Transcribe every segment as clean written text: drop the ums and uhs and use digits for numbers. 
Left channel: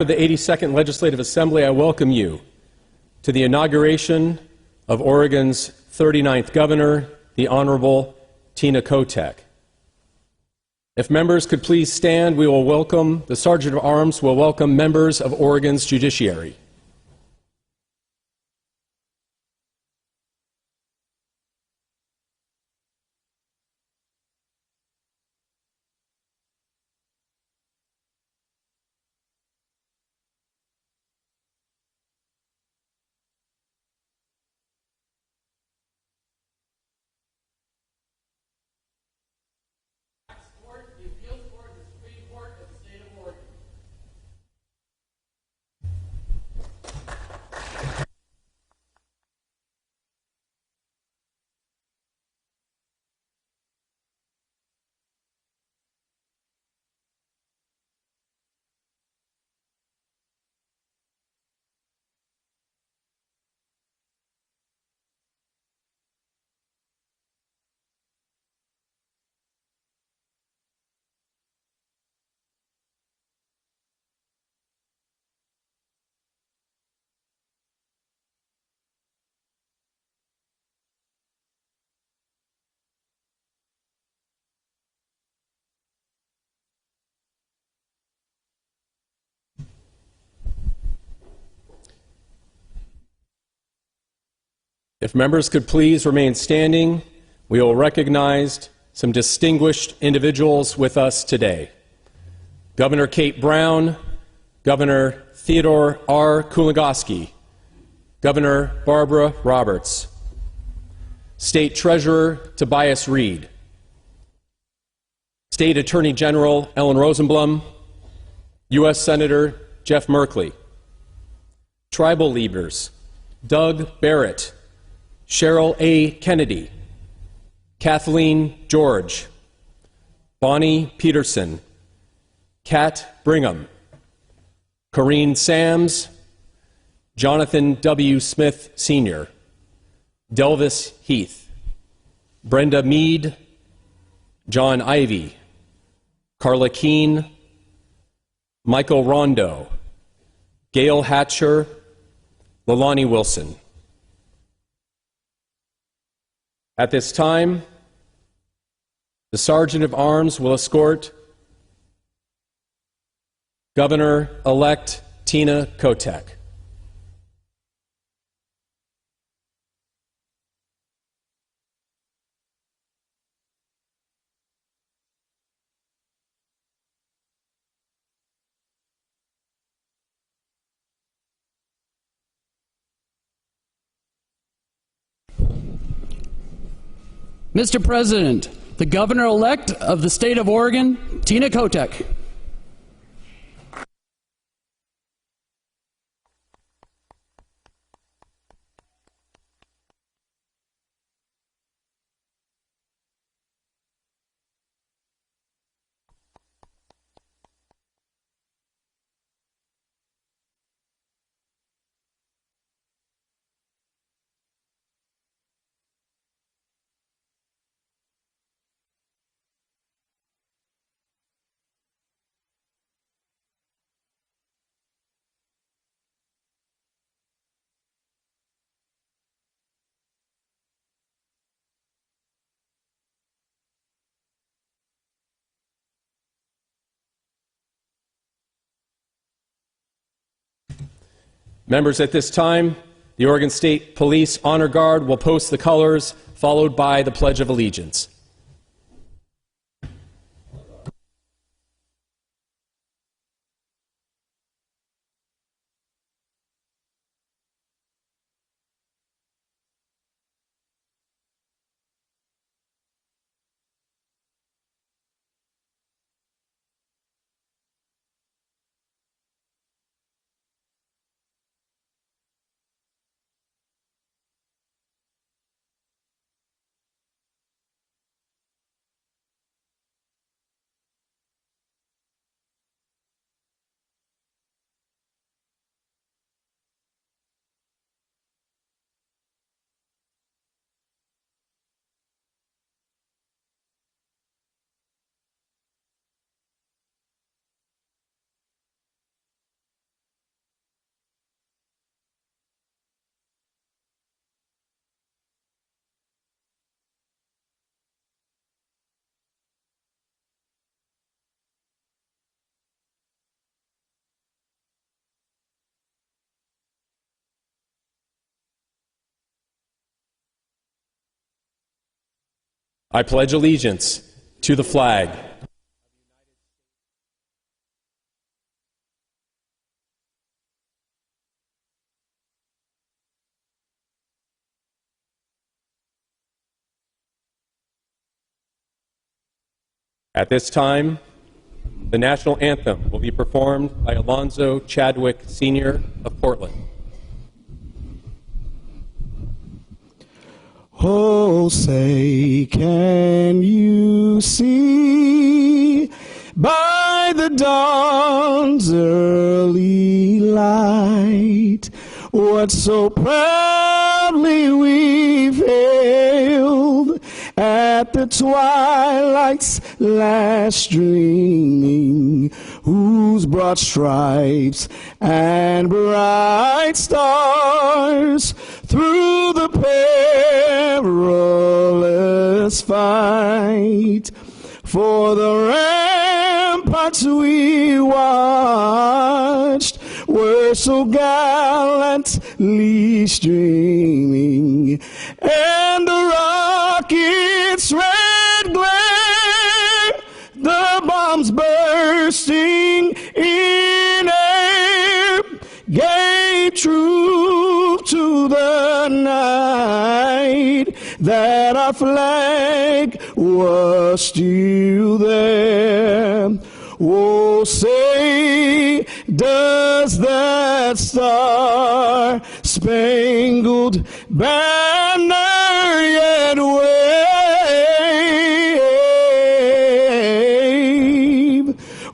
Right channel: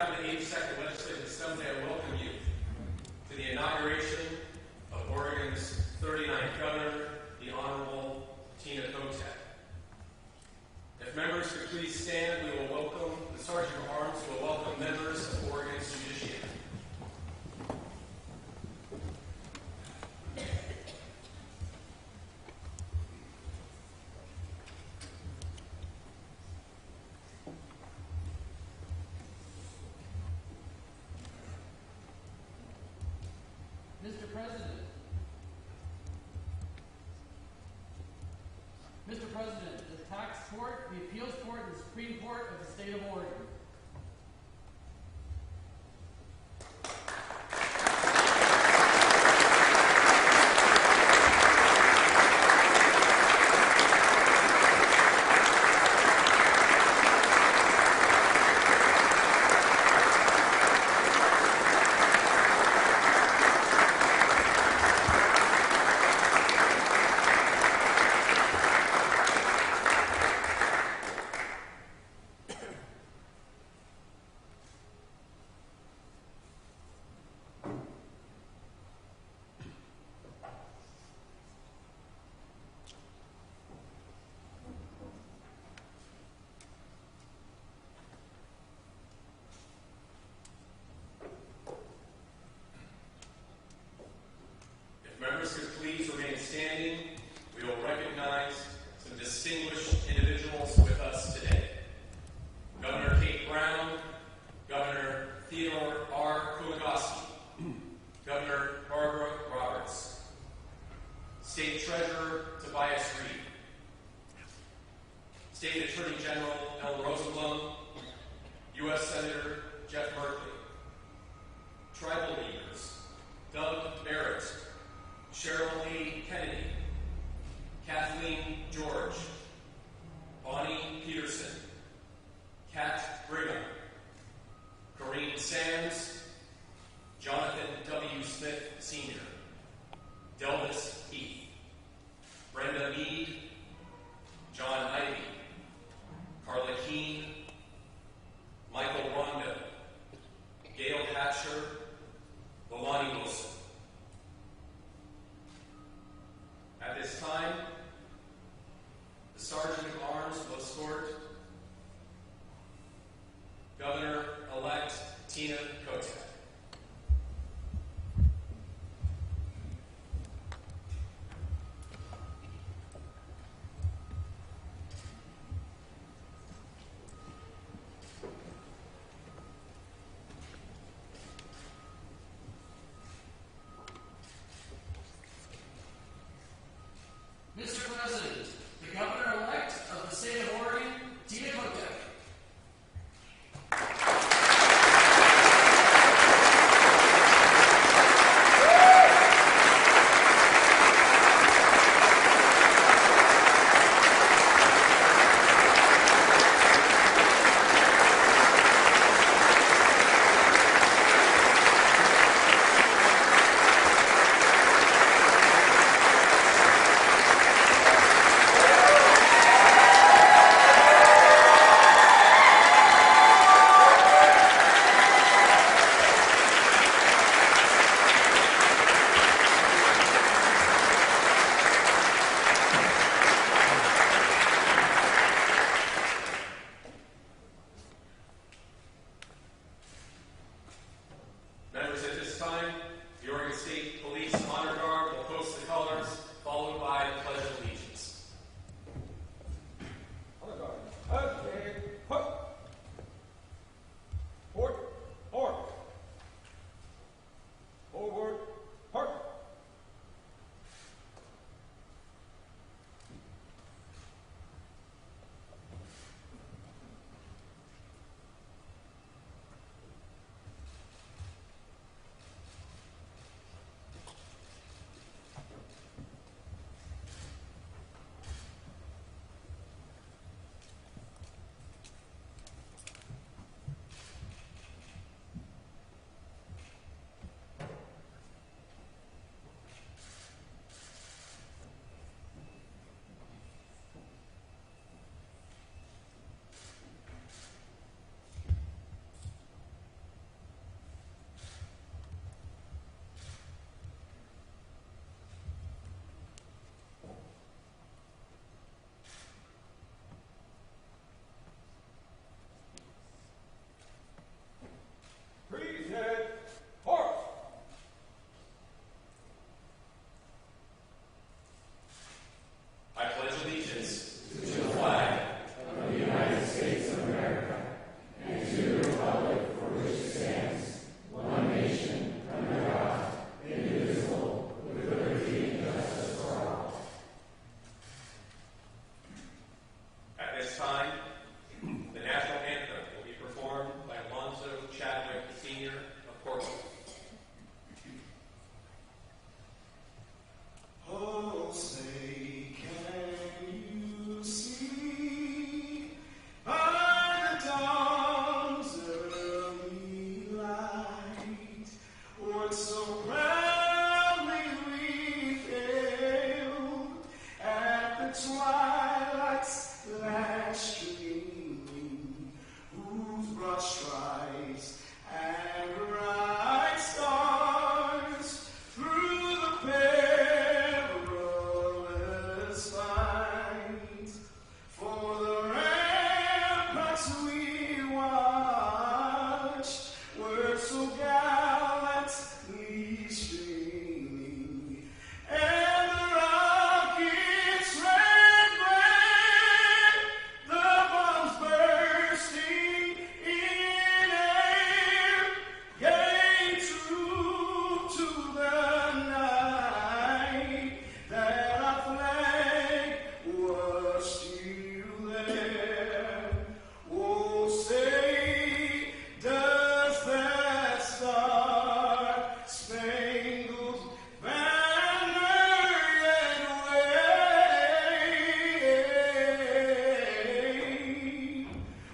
Of the 82nd Legislative Assembly, I welcome you to the inauguration of Oregon's 39th Governor, the Honorable Tina Kotek. If members could please stand, we will welcome, the Sergeant of Arms will welcome members of Oregon's judiciary. Mr. President, the tax court, the appeals court, and the Supreme Court of the state of Oregon. If members could please remain standing, we will recognize some distinguished individuals with us today. Governor Kate Brown, Governor Theodore R. Kulongoski, Governor Barbara Roberts, State Treasurer Tobias Reed, State Attorney General Ellen Rosenblum, U.S. Senator Jeff Merkley, tribal leaders Doug Barrett, Cheryl A. Kennedy, Kathleen George, Bonnie Peterson, Kat Brigham, Corrine Sams, Jonathan W. Smith Sr., Delvis Heath, Brenda Mead, John Ivey, Carla Keene, Michael Rondo, Gail Hatcher, Leilani Wilson. At this time, the Sergeant of Arms will escort Governor-elect Tina Kotek. Mr. President, the Governor-elect of the state of Oregon, Tina Kotek. Members, at this time, the Oregon State Police Honor Guard will post the colors, followed by the Pledge of Allegiance. I pledge allegiance to the flag At this time, the national anthem will be performed by Alonzo Chadwick, Sr. of Portland. Oh, say, can you see by the dawn's early light what so proudly we've hailed at the twilight's last streaming, whose broad stripes and bright stars through the perilous fight for the ramparts we watched were so gallantly streaming, and the rocket's red glare, the bombs bursting in air, gave truth to the night that our flag was still there. Oh, say, does that star-spangled banner yet wave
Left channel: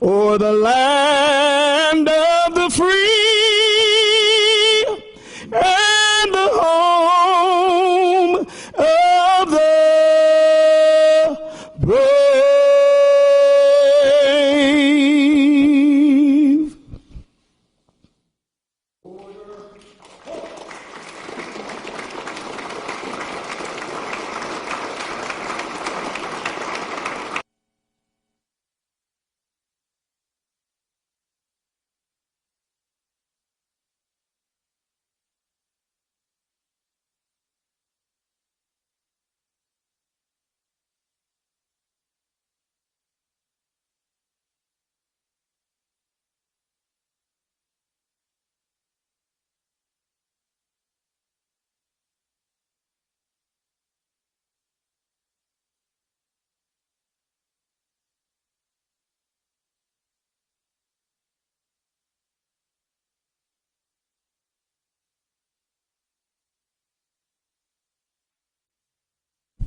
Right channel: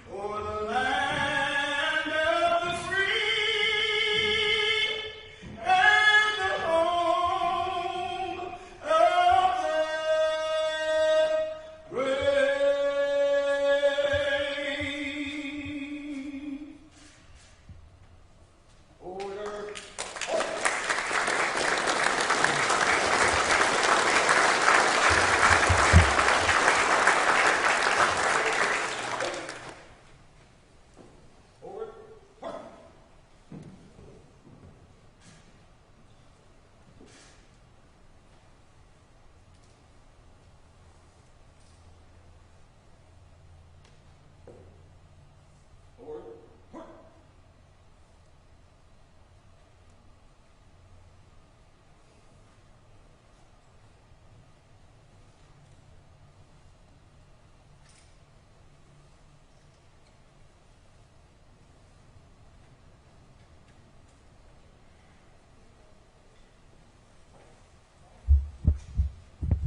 o'er the land of the free and the home of the brave?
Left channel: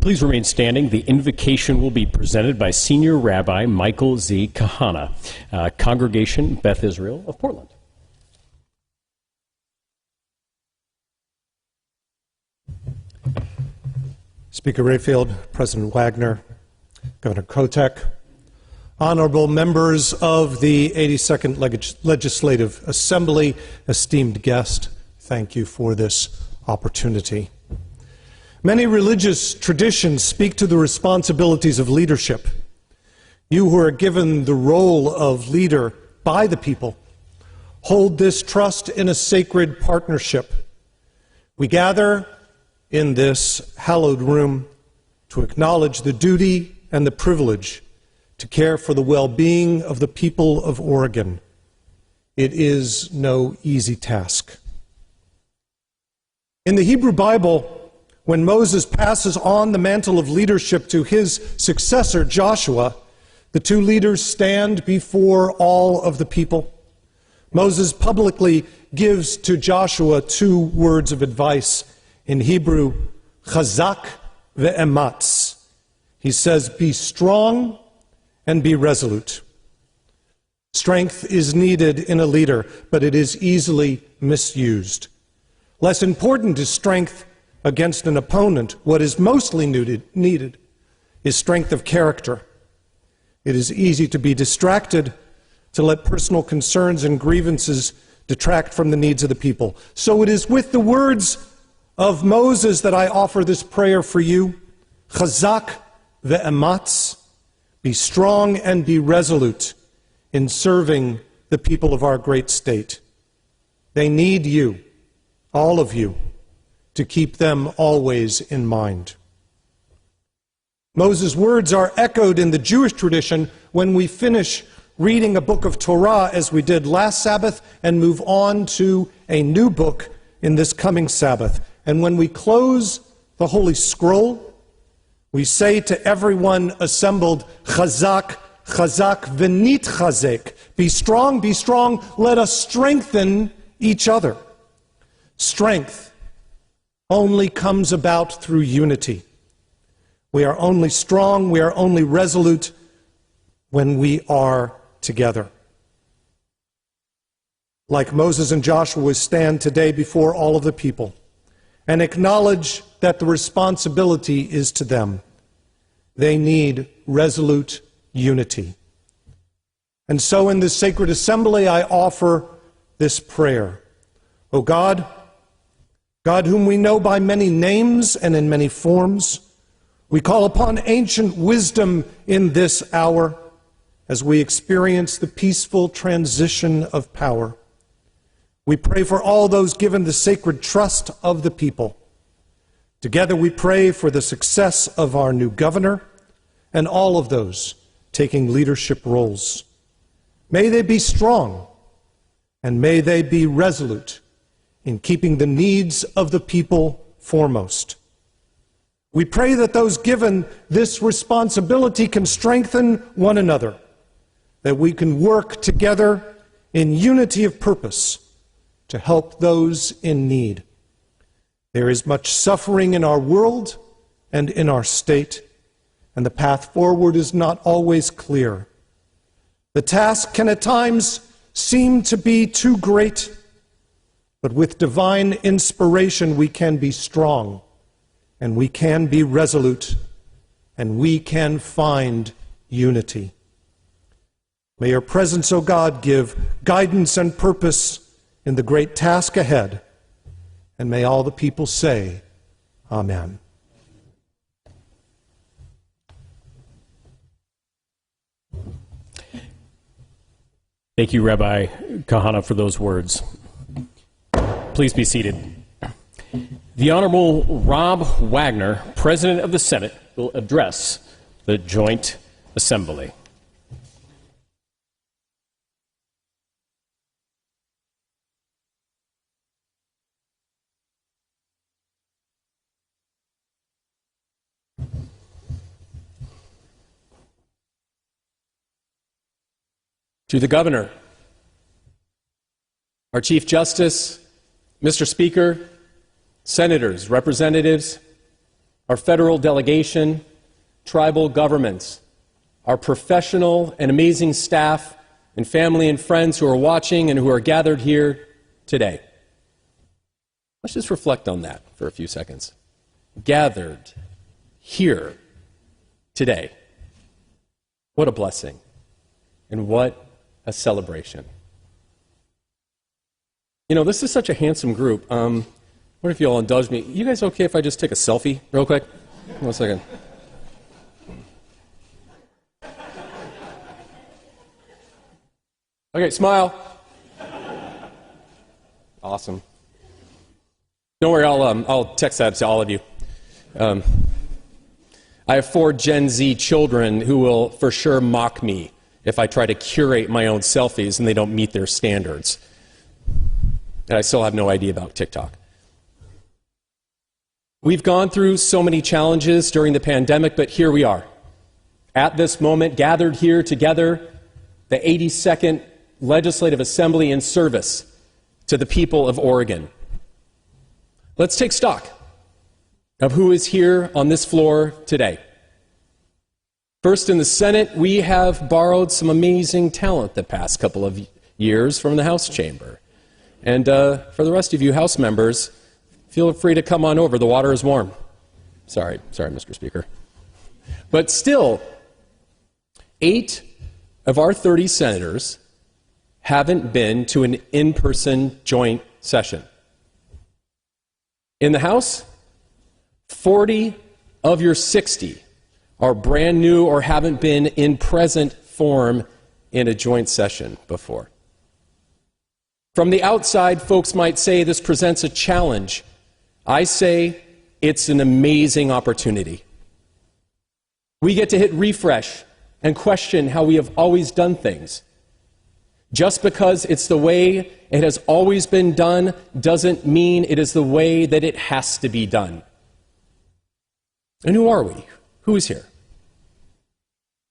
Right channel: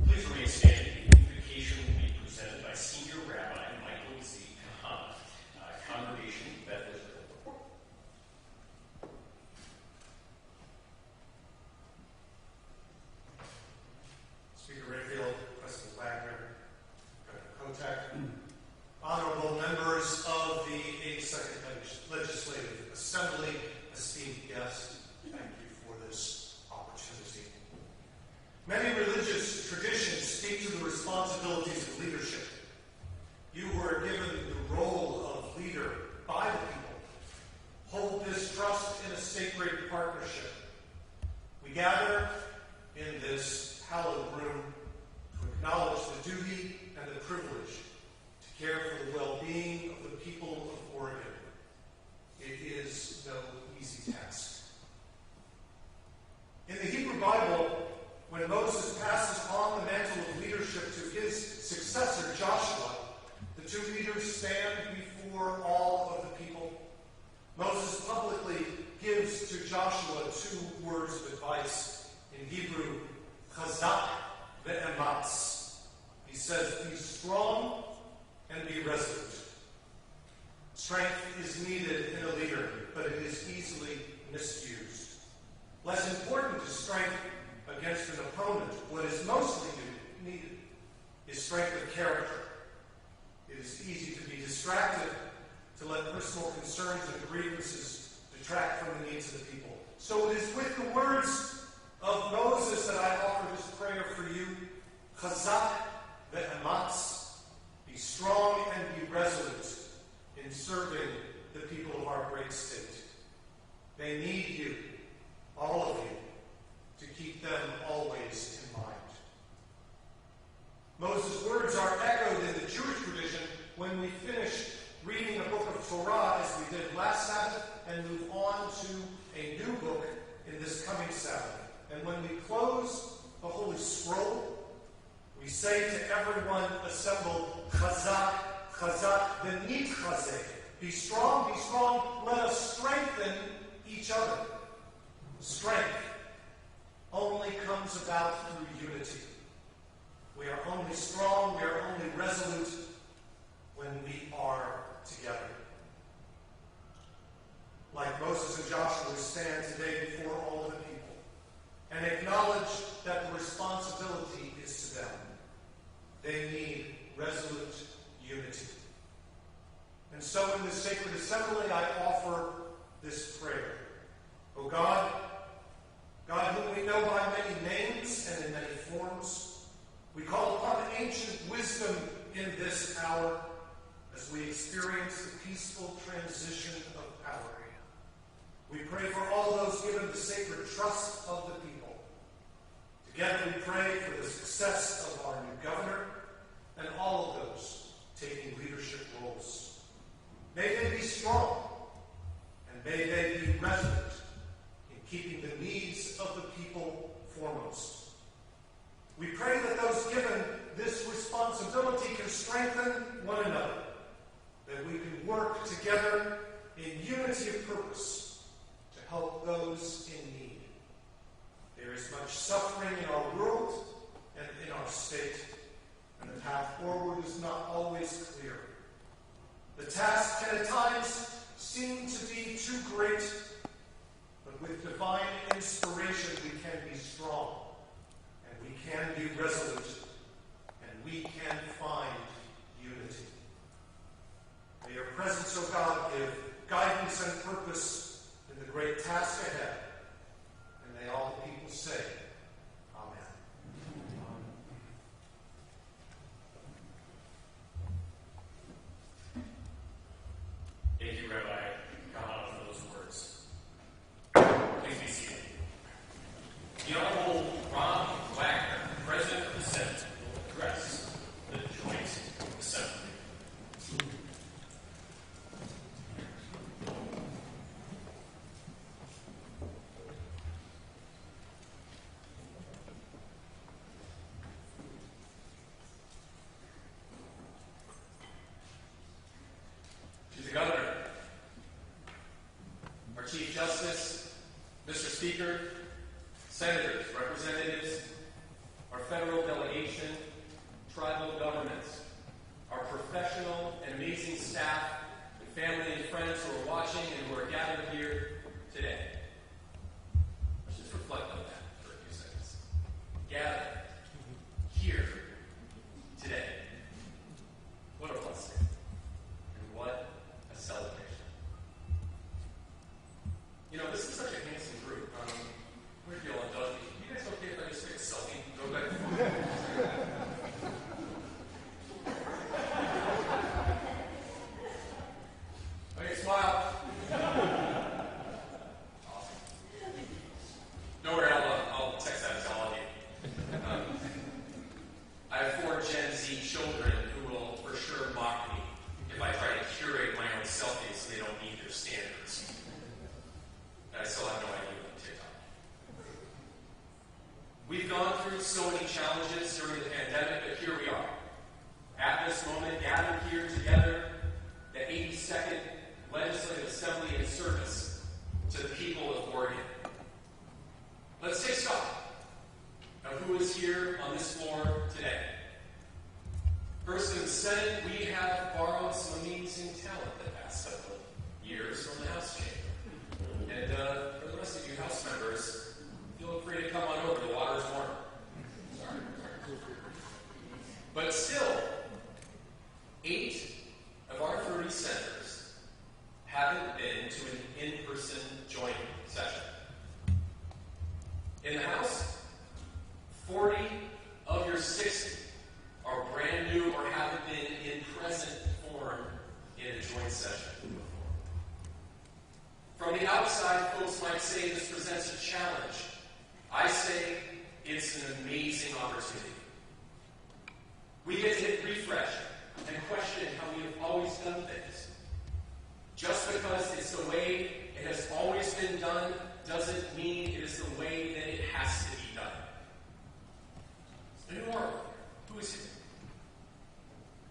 Please remain standing. The invocation will be presented by Senior Rabbi Michael Z. Kahana, Congregation Beth Israel of Portland. Speaker Rayfield, President Wagner, Governor Kotek, honorable members of the 82nd Legislative Assembly, esteemed guest, thank you for this opportunity. Many religious traditions speak to the responsibilities of leadership. You who are given the role of leader by the people hold this trust in a sacred partnership. We gather in this hallowed room to acknowledge the duty and the privilege to care for the well-being of the people of Oregon. It is no easy task. In the Hebrew Bible, when Moses passes on the mantle of leadership to his successor, Joshua, the two leaders stand before all of the people. Moses publicly gives to Joshua two words of advice. In Hebrew, chazak ve'ematz. He says, be strong and be resolute. Strength is needed in a leader, but it is easily misused. Less important is strength against an opponent. What is mostly needed is strength of character. It is easy to be distracted, to let personal concerns and grievances detract from the needs of the people. So it is with the words of Moses that I offer this prayer for you. Chazak ve'ematz, be strong and be resolute in serving the people of our great state. They need you, all of you, to keep them always in mind. Moses' words are echoed in the Jewish tradition when we finish reading a book of Torah, as we did last Sabbath, and move on to a new book in this coming Sabbath. And when we close the Holy Scroll, we say to everyone assembled, Chazak, Chazak, v'nit chazek. Be strong, let us strengthen each other. Strength only comes about through unity. We are only strong, we are only resolute when we are together. Like Moses and Joshua, we stand today before all of the people and acknowledge that the responsibility is to them. They need resolute unity. And so in this sacred assembly, I offer this prayer. O God, God whom we know by many names and in many forms, we call upon ancient wisdom in this hour as we experience the peaceful transition of power. We pray for all those given the sacred trust of the people. Together we pray for the success of our new governor and all of those taking leadership roles. May they be strong and may they be resolute in keeping the needs of the people foremost. We pray that those given this responsibility can strengthen one another, that we can work together in unity of purpose to help those in need. There is much suffering in our world and in our state, and the path forward is not always clear. The task can at times seem to be too great, but with divine inspiration we can be strong, and we can be resolute, and we can find unity. May your presence, O God, give guidance and purpose in the great task ahead, and may all the people say, Amen. Thank you, Rabbi Kahana, for those words. Please be seated. The Honorable Rob Wagner, President of the Senate, will address the Joint Assembly. To the Governor, our Chief Justice, Mr. Speaker, Senators, Representatives, our federal delegation, tribal governments, our professional and amazing staff, and family and friends who are watching and who are gathered here today. Let's just reflect on that for a few seconds. Gathered here today. What a blessing, and what a celebration. You know, this is such a handsome group. What if you all indulge me? You guys okay if I just take a selfie real quick? 1 second. Okay, smile. Awesome. Don't worry, I'll text that to all of you. I have 4 Gen Z children who will for sure mock me if I try to curate my own selfies and they don't meet their standards. And I still have no idea about TikTok. We've gone through so many challenges during the pandemic, but here we are. At this moment, gathered here together, the 82nd Legislative Assembly in service to the people of Oregon. Let's take stock of who is here on this floor today. First, in the Senate, we have borrowed some amazing talent the past couple of years from the House chamber. And for the rest of you House members, feel free to come on over. The water is warm. Sorry, Mr. Speaker. But still, 8 of our 30 senators haven't been to an in-person joint session. In the House, 40 of your 60 are brand new or haven't been in present form in a joint session before. From the outside, folks might say this presents a challenge. I say it's an amazing opportunity. We get to hit refresh and question how we have always done things. Just because it's the way it has always been done doesn't mean it is the way that it has to be done. And who are we? Who is here?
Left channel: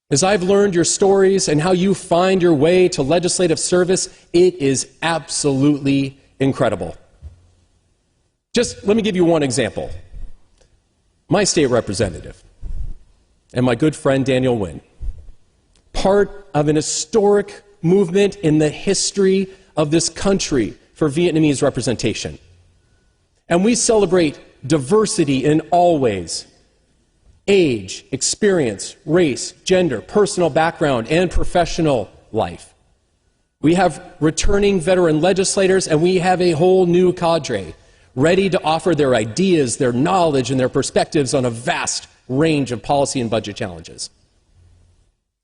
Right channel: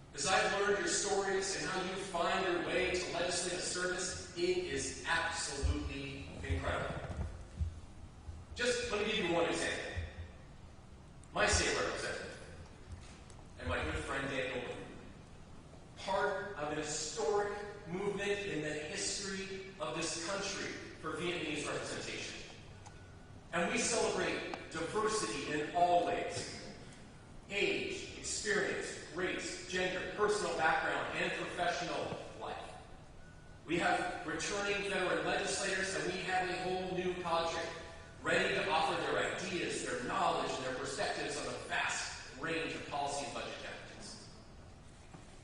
As I've learned your stories and how you find your way to legislative service, it is absolutely incredible. Just let me give you one example. My state representative and my good friend Daniel Nguyen, part of an historic movement in the history of this country for Vietnamese representation. And we celebrate diversity in all ways: age, experience, race, gender, personal background, and professional life. We have returning veteran legislators, and we have a whole new cadre ready to offer their ideas, their knowledge, and their perspectives on a vast range of policy and budget challenges.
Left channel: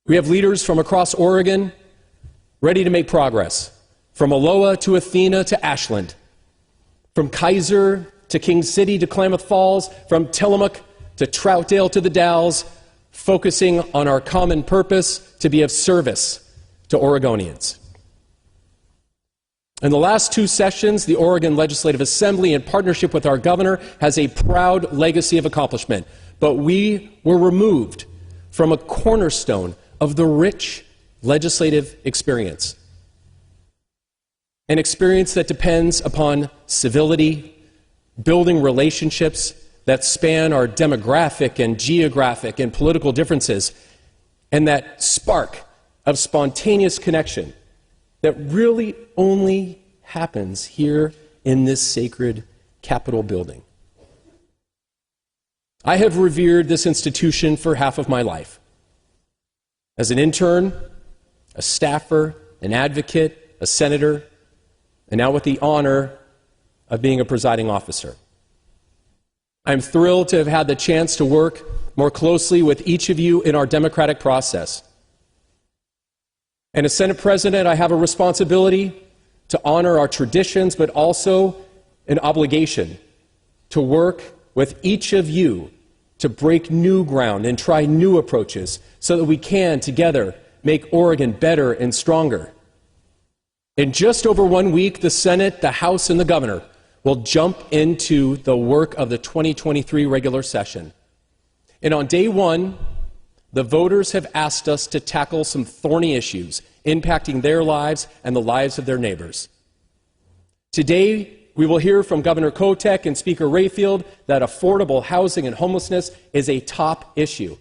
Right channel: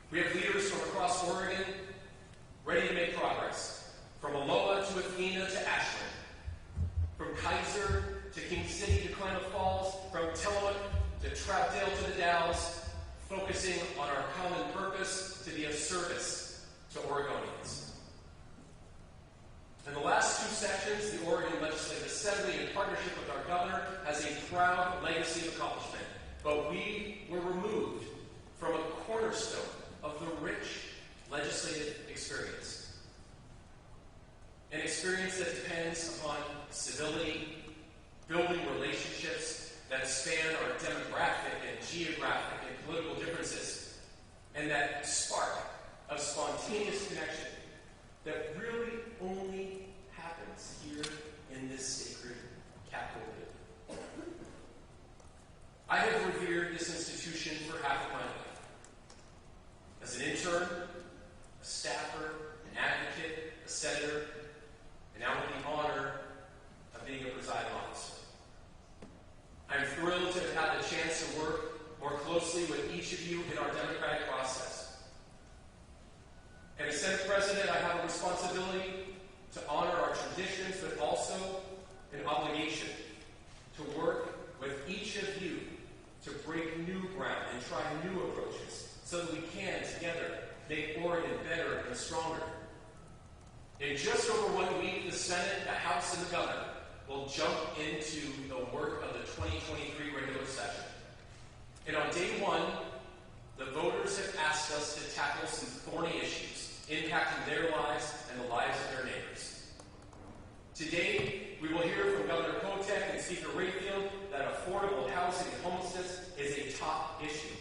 We have leaders from across Oregon ready to make progress, from Aloha to Athena to Ashland, from Kaiser to King City to Klamath Falls, from Tillamook to Troutdale to the Dalles, focusing on our common purpose to be of service to Oregonians. In the last two sessions, the Oregon Legislative Assembly, in partnership with our governor, has a proud legacy of accomplishment. But we were removed from a cornerstone of the rich legislative experience. An experience that depends upon civility, building relationships that span our demographic and geographic and political differences, and that spark of spontaneous connection that really only happens here in this sacred Capitol building. I have revered this institution for half of my life. As an intern, a staffer, an advocate, a senator, and now with the honor of being a presiding officer. I'm thrilled to have had the chance to work more closely with each of you in our democratic process. And as Senate President, I have a responsibility to honor our traditions, but also an obligation to work with each of you to break new ground and try new approaches so that we can together make Oregon better and stronger. In just over 1 week, the Senate, the House, and the governor will jump into the work of the 2023 regular session. And on day one, the voters have asked us to tackle some thorny issues impacting their lives and the lives of their neighbors. Today, we will hear from Governor Kotek and Speaker Rayfield that affordable housing and homelessness is a top issue,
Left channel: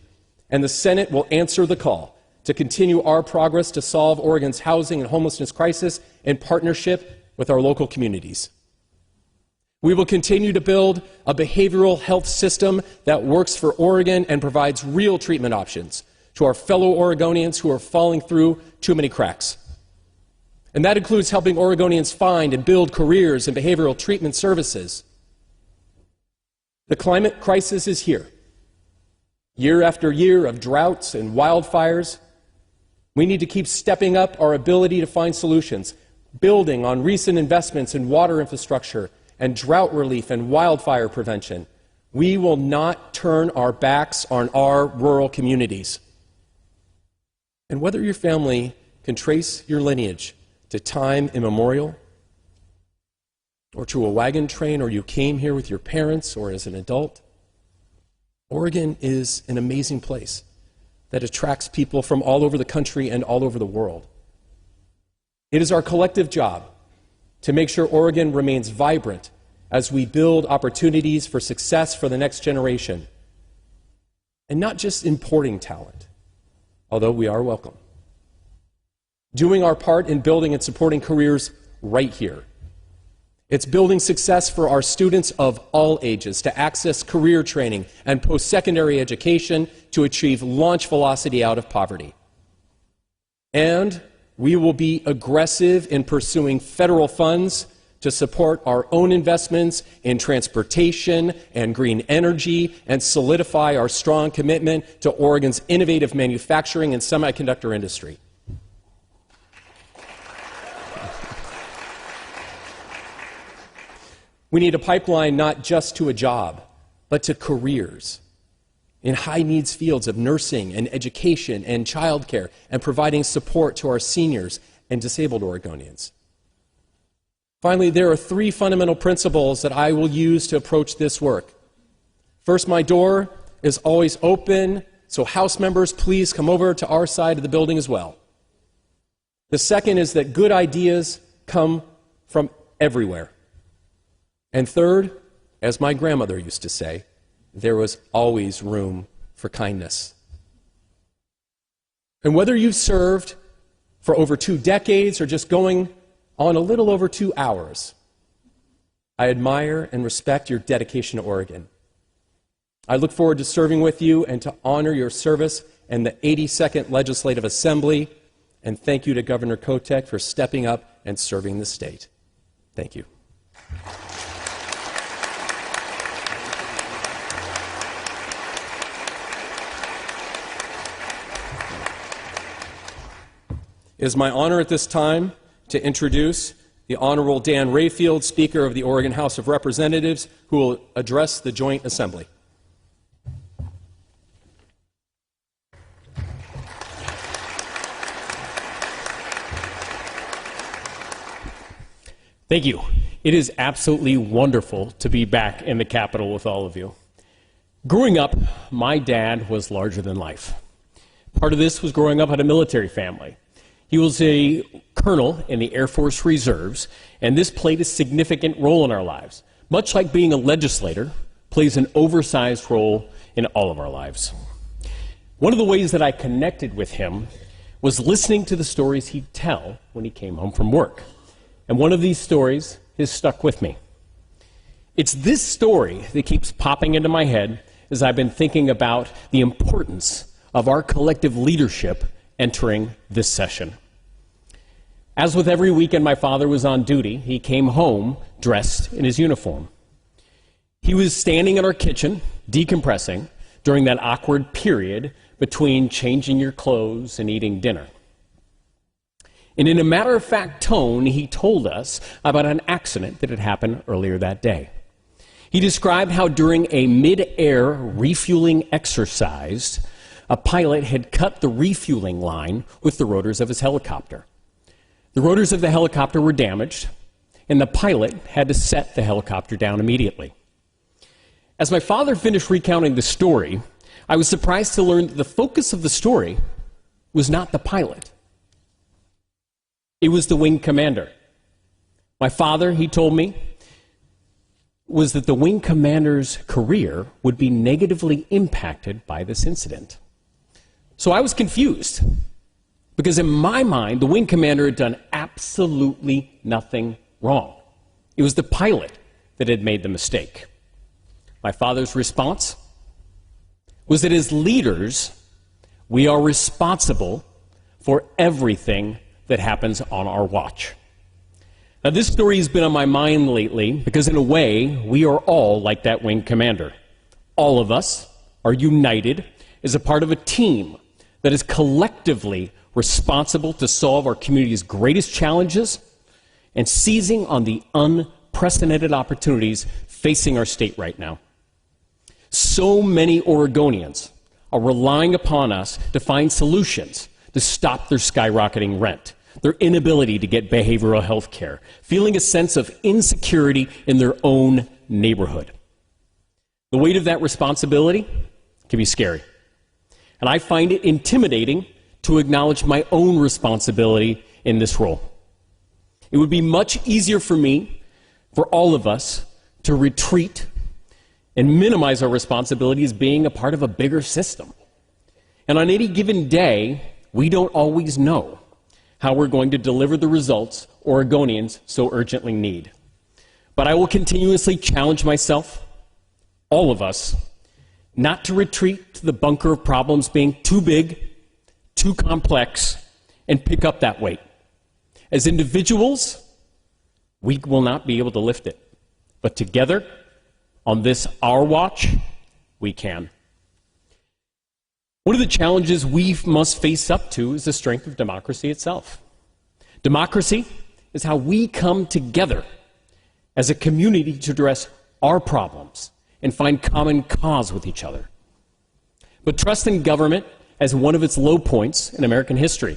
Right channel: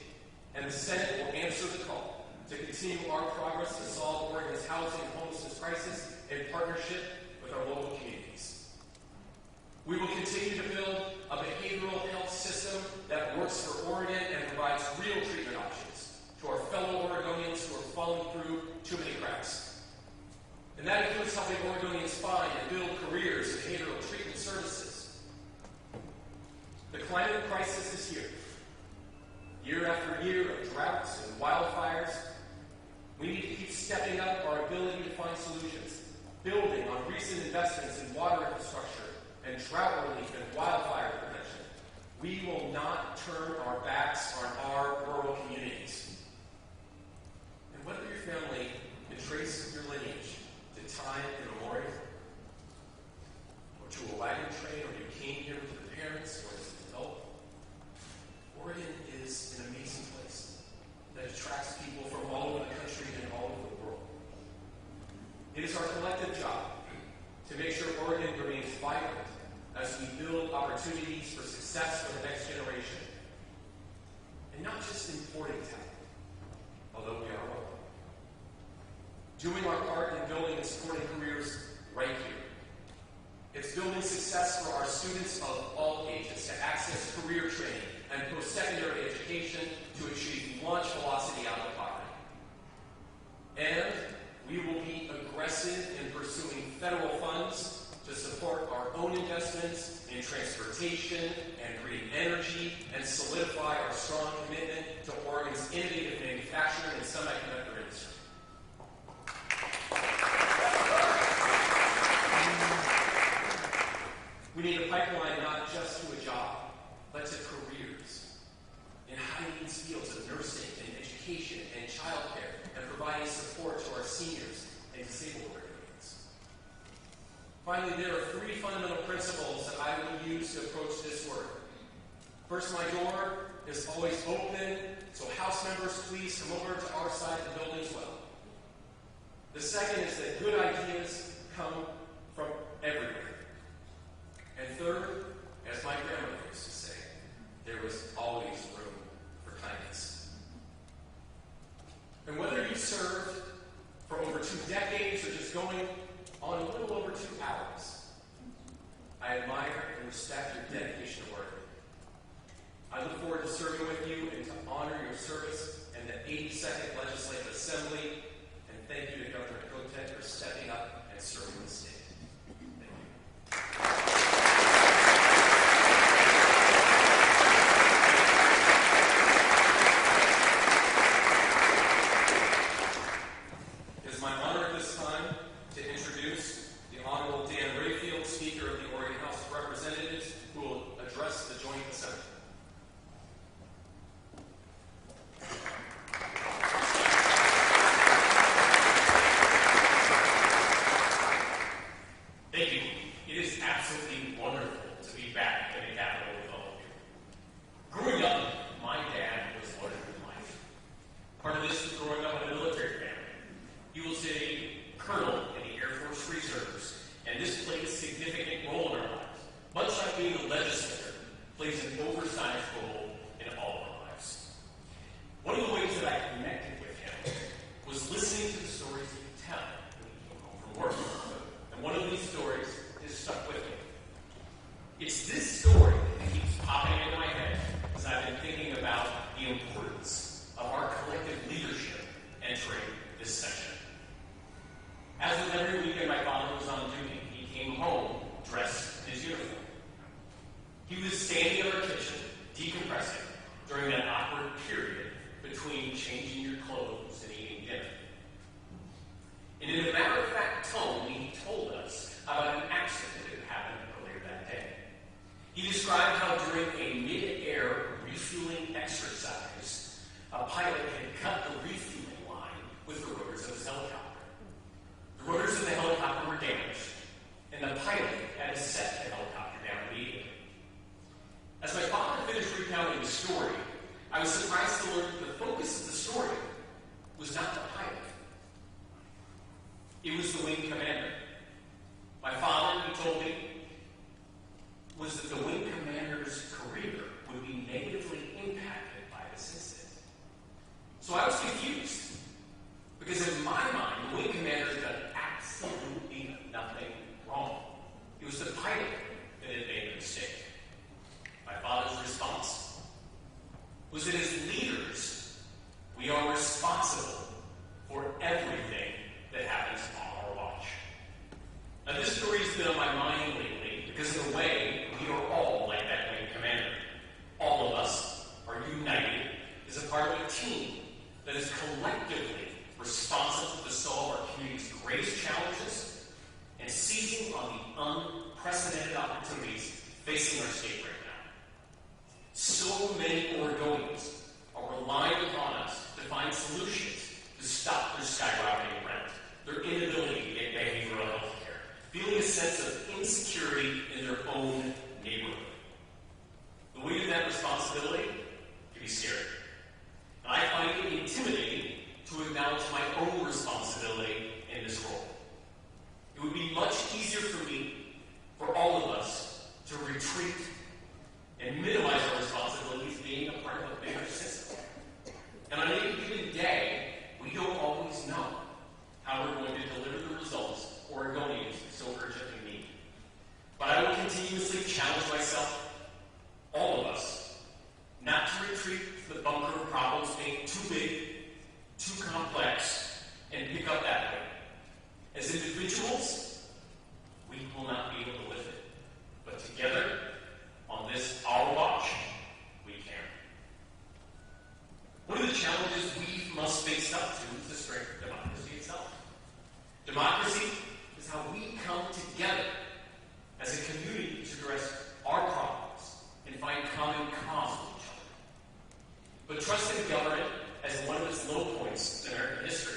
and the Senate will answer the call to continue our progress to solve Oregon's housing and homelessness crisis in partnership with our local communities. We will continue to build a behavioral health system that works for Oregon and provides real treatment options to our fellow Oregonians who are falling through too many cracks. And that includes helping Oregonians find and build careers in behavioral treatment services. The climate crisis is here. Year after year of droughts and wildfires, we need to keep stepping up our ability to find solutions, building on recent investments in water infrastructure and drought relief and wildfire prevention. We will not turn our backs on our rural communities. And whether your family can trace your lineage to time immemorial, or to a wagon train, or you came here with your parents or as an adult, Oregon is an amazing place that attracts people from all over the country and all over the world. It is our collective job to make sure Oregon remains vibrant as we build opportunities for success for the next generation, and not just importing talent, although we are welcome. Doing our part in building and supporting careers right here. It's building success for our students of all ages to access career training and post-secondary education to achieve launch velocity out of poverty. And we will be aggressive in pursuing federal funds to support our own investments in transportation and green energy and solidify our strong commitment to Oregon's innovative manufacturing and semiconductor industry. We need a pipeline not just to a job, but to careers. in high needs fields of nursing and education and childcare and providing support to our seniors and disabled Oregonians. Finally, there are three fundamental principles that I will use to approach this work. First, my door is always open, so House members, please come over to our side of the building as well. The second is that good ideas come from everywhere. And third, as my grandmother used to say, there was always room for kindness. And whether you've served for over 2 decades or just going on a little over 2 hours, I admire and respect your dedication to Oregon. I look forward to serving with you and to honor your service in the 82nd Legislative Assembly, and thank you to Governor Kotek for stepping up and serving the state. Thank you. It is my honor at this time to introduce the Honorable Dan Rayfield, Speaker of the Oregon House of Representatives, who will address the Joint Assembly. Thank you. It is absolutely wonderful to be back in the Capitol with all of you. Growing up, my dad was larger than life. Part of this was growing up in a military family. He was a colonel in the Air Force Reserves, and this played a significant role in our lives. Much like being a legislator plays an oversized role in all of our lives. One of the ways that I connected with him was listening to the stories he'd tell when he came home from work. And one of these stories has stuck with me. It's this story that keeps popping into my head as I've been thinking about the importance of our collective leadership entering this session. As with every weekend my father was on duty, he came home dressed in his uniform. He was standing in our kitchen, decompressing, during that awkward period between changing your clothes and eating dinner. And in a matter-of-fact tone, he told us about an accident that had happened earlier that day. He described how during a mid-air refueling exercise, a pilot had cut the refueling line with the rotors of his helicopter. The rotors of the helicopter were damaged, and the pilot had to set the helicopter down immediately. As my father finished recounting the story, I was surprised to learn that the focus of the story was not the pilot. It was the wing commander. My father, he told me, was that the wing commander's career would be negatively impacted by this incident. So I was confused, because in my mind, the wing commander had done absolutely nothing wrong. It was the pilot that had made the mistake. My father's response was that as leaders, we are responsible for everything that happens on our watch. Now, this story has been on my mind lately because, in a way, we are all like that wing commander. All of us are united as a part of a team that is collectively responsible to solve our community's greatest challenges and seizing on the unprecedented opportunities facing our state right now. So many Oregonians are relying upon us to find solutions to stop their skyrocketing rent, their inability to get behavioral health care, feeling a sense of insecurity in their own neighborhood. The weight of that responsibility can be scary. And I find it intimidating to acknowledge my own responsibility in this role. It would be much easier for me, for all of us, to retreat and minimize our responsibility as being a part of a bigger system. And on any given day, we don't always know how we're going to deliver the results Oregonians so urgently need. But I will continuously challenge myself, all of us, not to retreat to the bunker of problems being too big, too complex, and pick up that weight. As individuals, we will not be able to lift it. But together, on this our watch, we can. One of the challenges we must face up to is the strength of democracy itself. Democracy is how we come together as a community to address our problems and find common cause with each other. but trust in government as one of its low points in American history.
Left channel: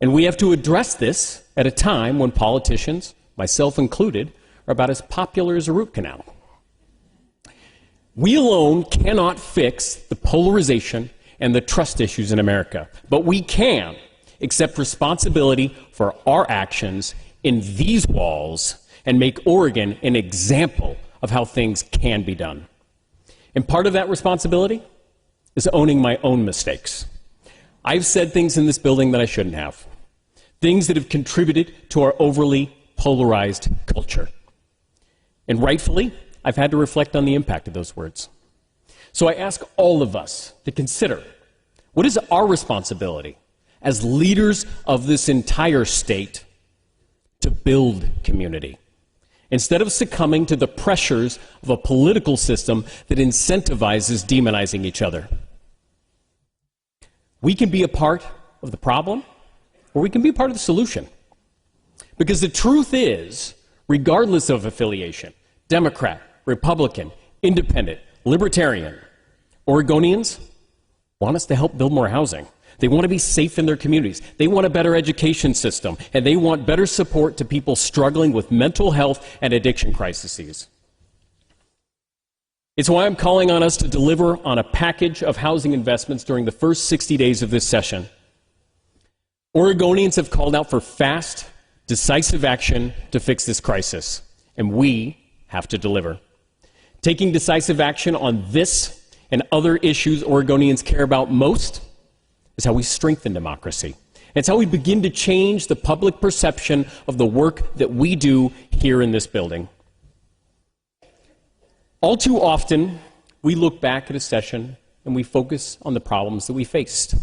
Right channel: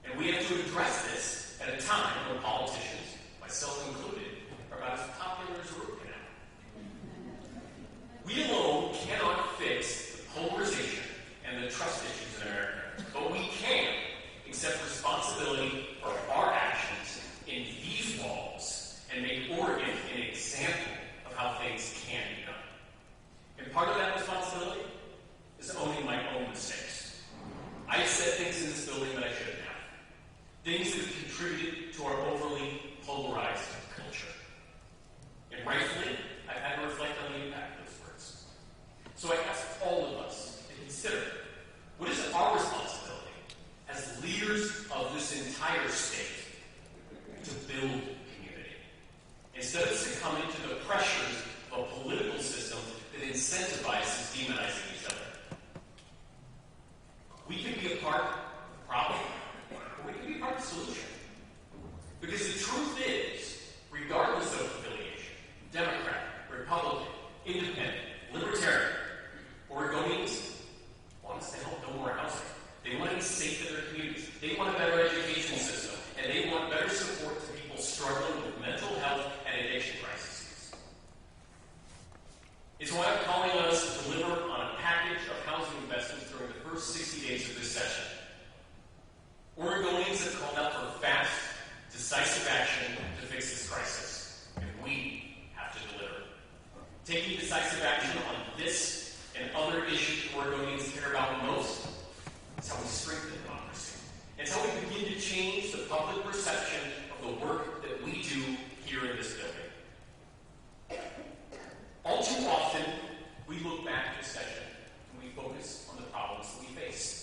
And we have to address this at a time when politicians, myself included, are about as popular as a root canal. We alone cannot fix the polarization and the trust issues in America, but we can accept responsibility for our actions in these walls and make Oregon an example of how things can be done. And part of that responsibility is owning my own mistakes. I've said things in this building that I shouldn't have, things that have contributed to our overly polarized culture. And rightfully, I've had to reflect on the impact of those words. So I ask all of us to consider, what is our responsibility as leaders of this entire state to build community, instead of succumbing to the pressures of a political system that incentivizes demonizing each other? We can be a part of the problem, or we can be a part of the solution. Because the truth is, regardless of affiliation, Democrat, Republican, Independent, Libertarian, Oregonians want us to help build more housing. They want to be safe in their communities. They want a better education system, and they want better support to people struggling with mental health and addiction crises. It's why I'm calling on us to deliver on a package of housing investments during the first 60 days of this session. Oregonians have called out for fast, decisive action to fix this crisis, and we have to deliver. Taking decisive action on this and other issues Oregonians care about most is how we strengthen democracy. It's how we begin to change the public perception of the work that we do here in this building. All too often, we look back at a session and we focus on the problems that we faced.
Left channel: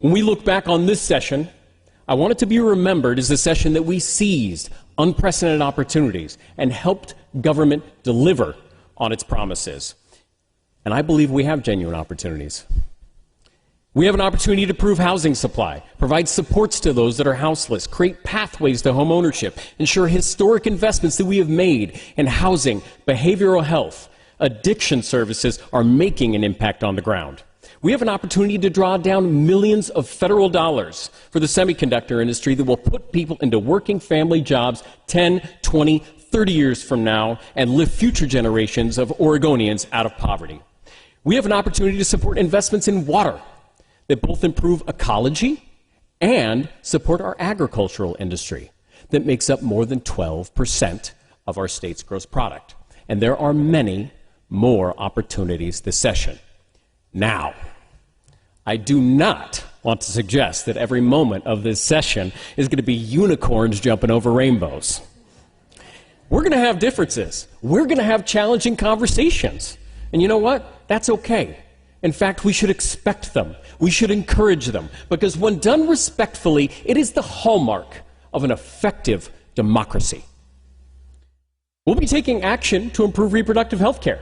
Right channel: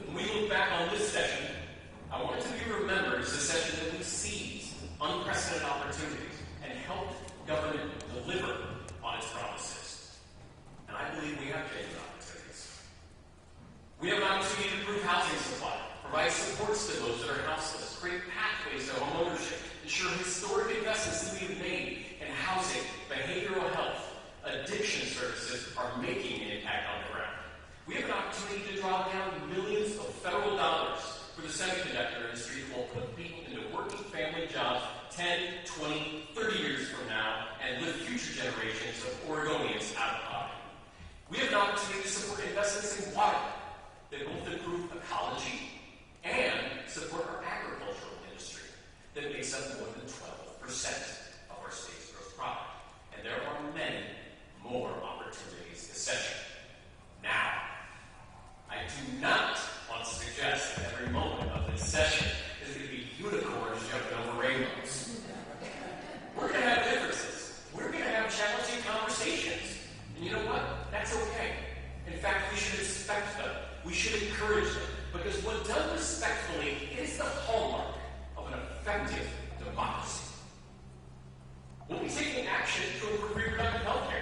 When we look back on this session, I want it to be remembered as a session that we seized unprecedented opportunities and helped government deliver on its promises. And I believe we have genuine opportunities. We have an opportunity to improve housing supply, provide supports to those that are houseless, create pathways to home ownership, ensure historic investments that we have made in housing, behavioral health, addiction services are making an impact on the ground. We have an opportunity to draw down millions of federal dollars for the semiconductor industry that will put people into working family jobs 10, 20, 30 years from now and lift future generations of Oregonians out of poverty. We have an opportunity to support investments in water that both improve ecology and support our agricultural industry that makes up more than 12% of our state's gross product. And there are many more opportunities this session. Now, I do not want to suggest that every moment of this session is going to be unicorns jumping over rainbows. We're going to have differences. We're going to have challenging conversations. And you know what? That's okay. In fact, we should expect them. We should encourage them, because when done respectfully, it is the hallmark of an effective democracy. We'll be taking action to improve reproductive health care.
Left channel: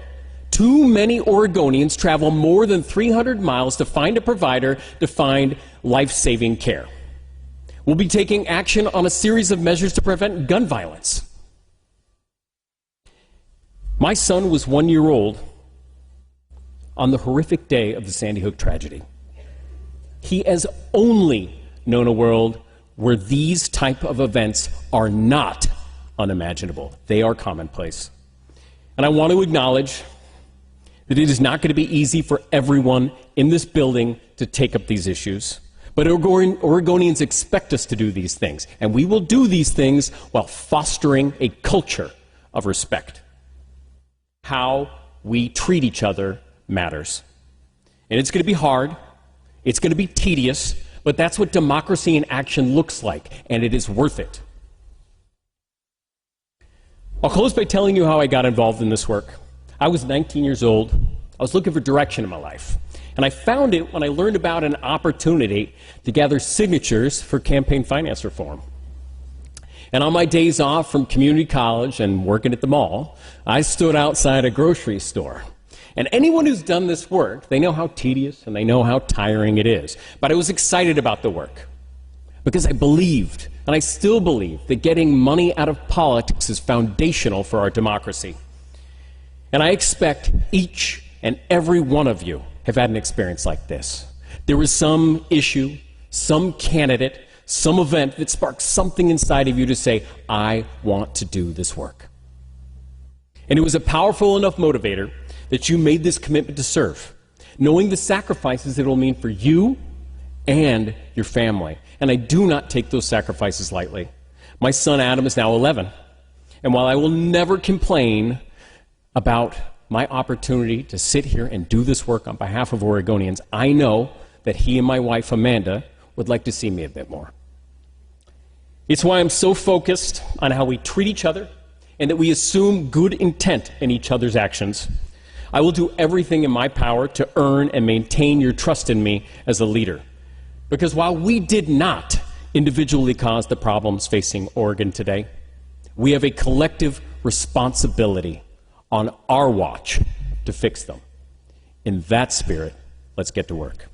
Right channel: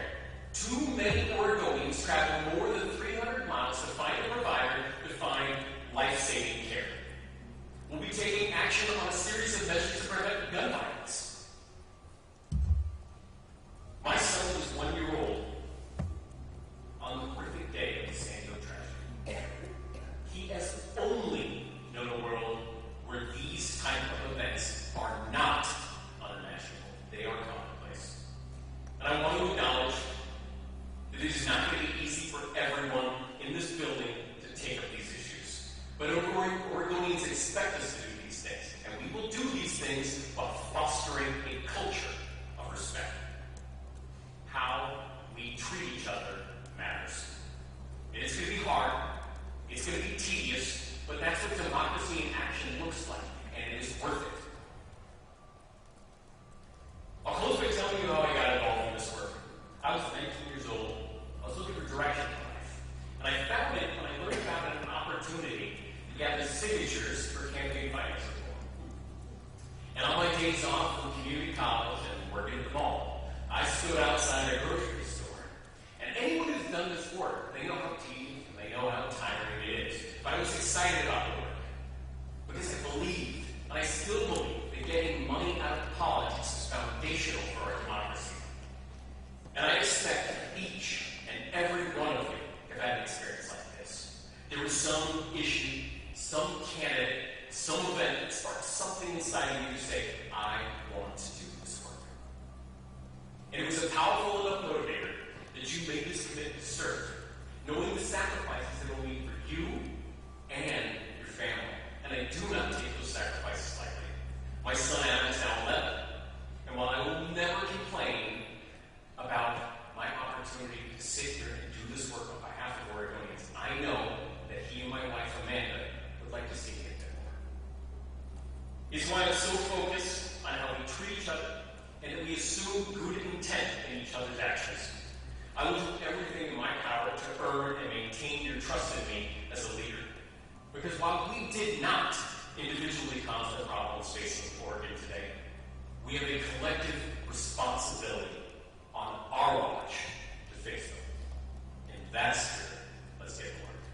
Too many Oregonians travel more than 300 miles to find a provider to find life-saving care. We'll be taking action on a series of measures to prevent gun violence. My son was 1 year old on the horrific day of the Sandy Hook tragedy. He has only known a world where these type of events are not unimaginable. They are commonplace. And I want to acknowledge that it is not going to be easy for everyone in this building to take up these issues. But Oregonians expect us to do these things, and we will do these things while fostering a culture of respect. How we treat each other matters. And it's going to be hard. It's going to be tedious, but that's what democracy in action looks like, and it is worth it. I'll close by telling you how I got involved in this work. I was 19 years old. I was looking for direction in my life, and I found it when I learned about an opportunity to gather signatures for campaign finance reform. And on my days off from community college and working at the mall, I stood outside a grocery store. And anyone who's done this work, they know how tedious and they know how tiring it is. But I was excited about the work because I believed, and I still believe, that getting money out of politics is foundational for our democracy. And I expect each and every one of you have had an experience like this. There was some issue, some candidate, some event that sparked something inside of you to say, I want to do this work. And it was a powerful enough motivator that you made this commitment to serve, knowing the sacrifices it will mean for you and your family. And I do not take those sacrifices lightly. My son Adam is now 11. And while I will never complain about my opportunity to sit here and do this work on behalf of Oregonians, I know that he and my wife Amanda would like to see me a bit more. It's why I'm so focused on how we treat each other and that we assume good intent in each other's actions. I will do everything in my power to earn and maintain your trust in me as a leader. Because while we did not individually cause the problems facing Oregon today, we have a collective responsibility on our watch to fix them. In that spirit, let's get to work.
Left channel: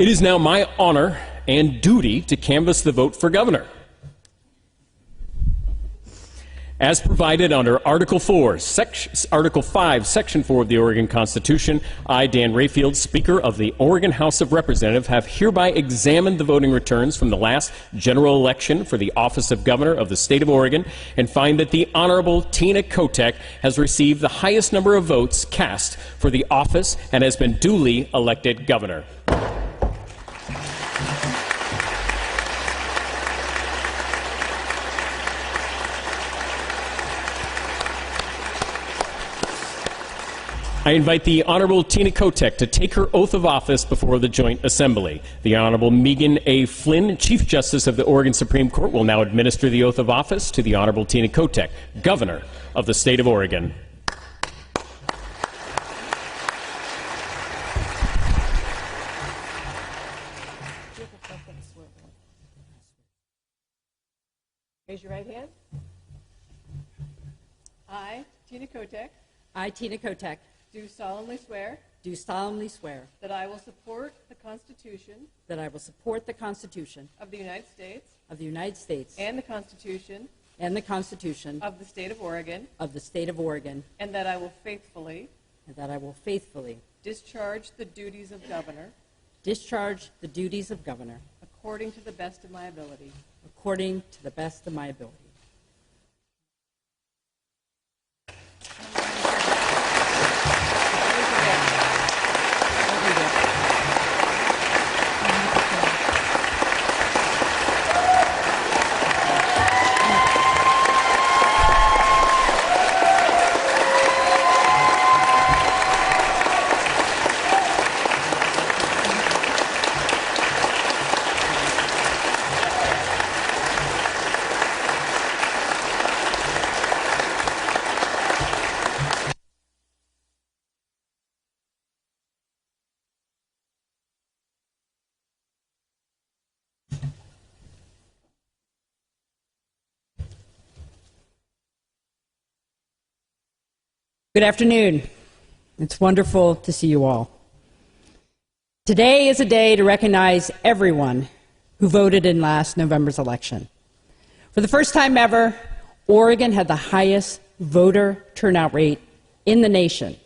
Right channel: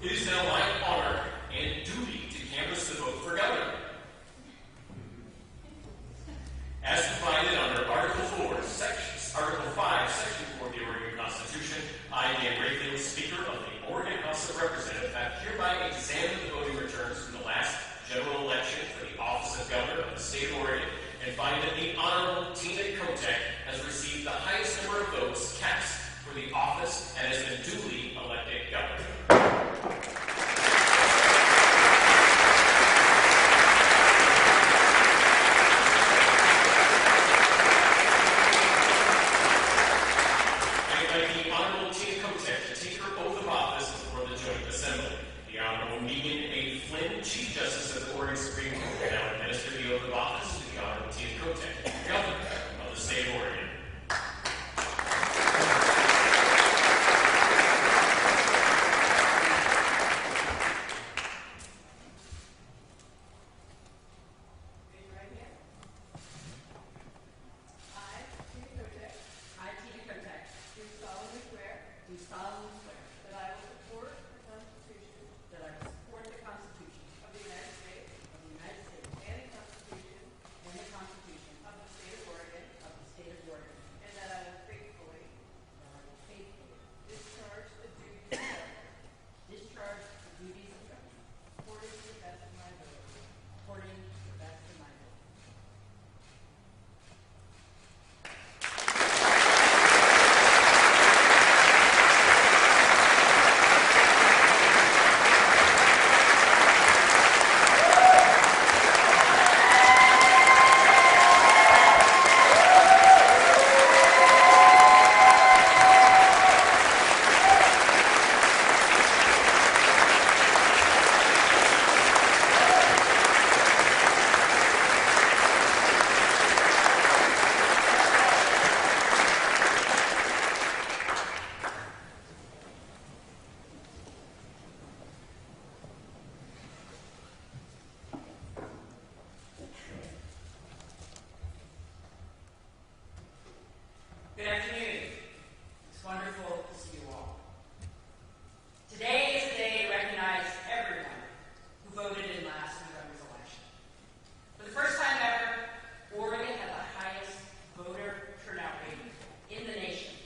It is now my honor and duty to canvass the vote for governor. As provided under Article 5, Section 4 of the Oregon Constitution, I, Dan Rayfield, Speaker of the Oregon House of Representatives, have hereby examined the voting returns from the last general election for the office of Governor of the State of Oregon and find that the Honorable Tina Kotek has received the highest number of votes cast for the office and has been duly elected governor. I invite the Honorable Tina Kotek to take her oath of office before the Joint Assembly. The Honorable Megan A. Flynn, Chief Justice of the Oregon Supreme Court, will now administer the oath of office to the Honorable Tina Kotek, Governor of the State of Oregon. Raise your right hand. I, Tina Kotek, I, Tina Kotek, do solemnly swear do solemnly swear that I will support the Constitution that I will support the Constitution of the United States of the United States and the Constitution and the Constitution of the State of Oregon, of the State of Oregon, and that I will faithfully and that I will faithfully discharge the duties of governor discharge the duties of governor according to the best of my ability. according to the best of my ability. Good afternoon. It's wonderful to see you all. Today is a day to recognize everyone who voted in last November's election. For the first time ever, Oregon had the highest voter turnout rate in the nation.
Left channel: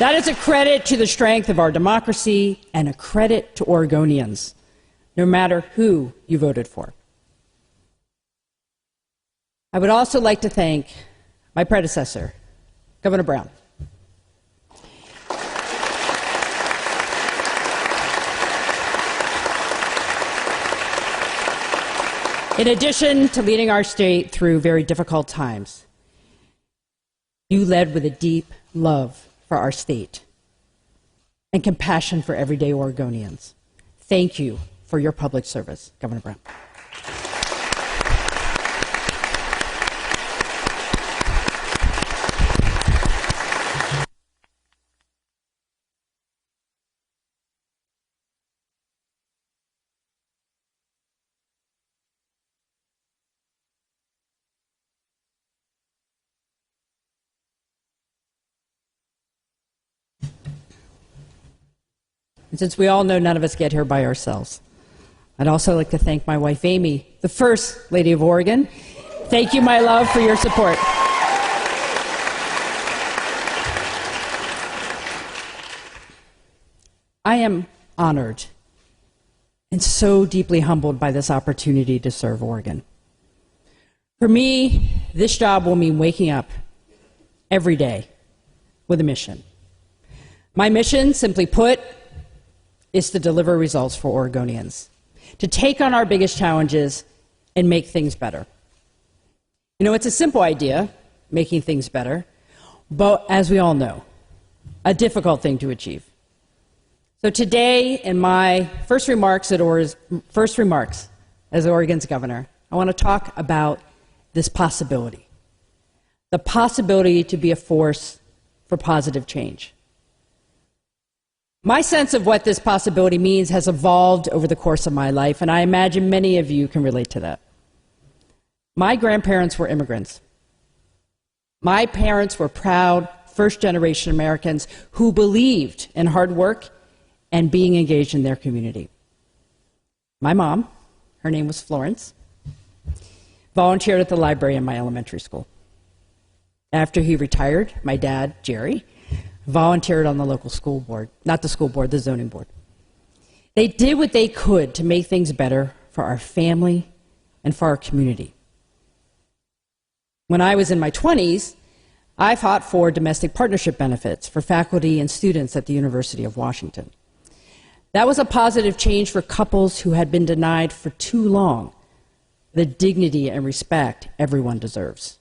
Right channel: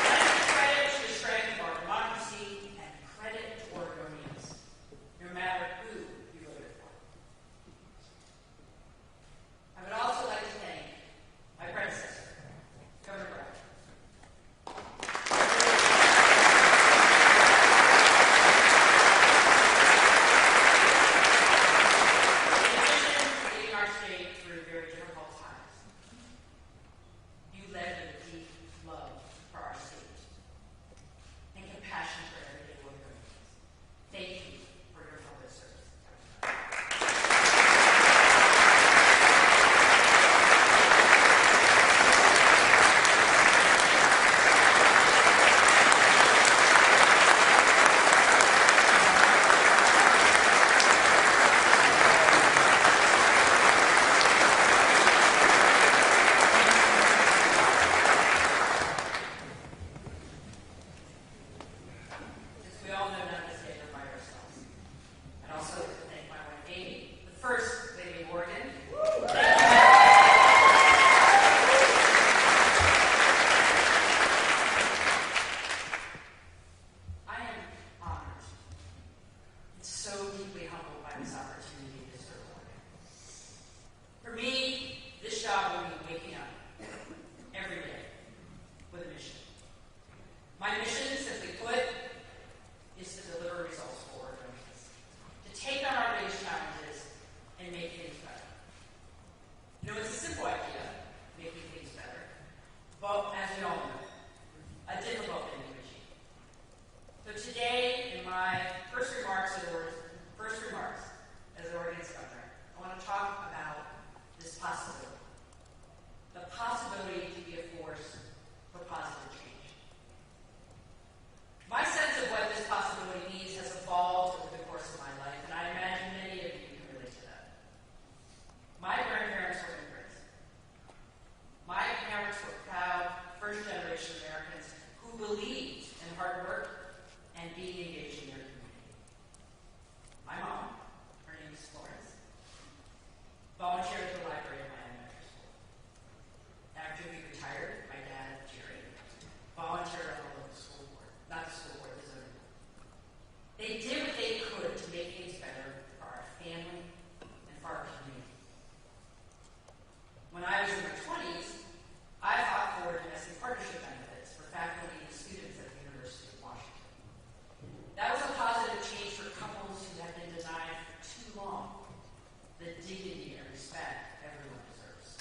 That is a credit to the strength of our democracy and a credit to Oregonians, no matter who you voted for. I would also like to thank my predecessor, Governor Brown. In addition to leading our state through very difficult times, you led with a deep love for our state and compassion for everyday Oregonians. Thank you for your public service, Governor Brown. And since we all know none of us get here by ourselves, I'd also like to thank my wife, Amy, the First Lady of Oregon. Thank you, my love, for your support. I am honored and so deeply humbled by this opportunity to serve Oregon. For me, this job will mean waking up every day with a mission. My mission, simply put, is to deliver results for Oregonians, to take on our biggest challenges and make things better. You know, it's a simple idea, making things better, but as we all know, a difficult thing to achieve. So today, in my first remarks as Oregon's governor, I want to talk about this possibility, the possibility to be a force for positive change. My sense of what this possibility means has evolved over the course of my life, and I imagine many of you can relate to that. My grandparents were immigrants. My parents were proud first-generation Americans who believed in hard work and being engaged in their community. My mom, her name was Florence, volunteered at the library in my elementary school. After he retired, my dad, Jerry, volunteered on the local school board, not the school board, the zoning board. They did what they could to make things better for our family and for our community. When I was in my 20s, I fought for domestic partnership benefits for faculty and students at the University of Washington. That was a positive change for couples who had been denied for too long the dignity and respect everyone deserves.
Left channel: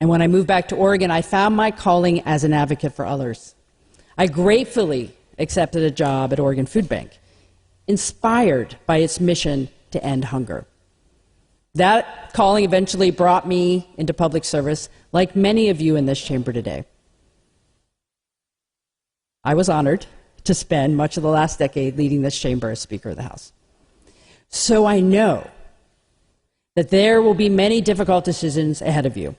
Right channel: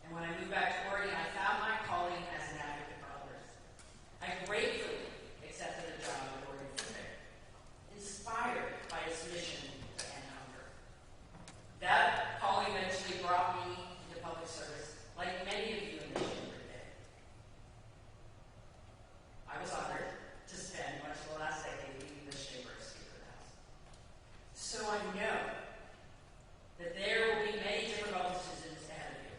And when I moved back to Oregon, I found my calling as an advocate for others. I gratefully accepted a job at Oregon Food Bank, inspired by its mission to end hunger. That calling eventually brought me into public service, like many of you in this chamber today. I was honored to spend much of the last decade leading this chamber as Speaker of the House. So I know that there will be many difficult decisions ahead of you,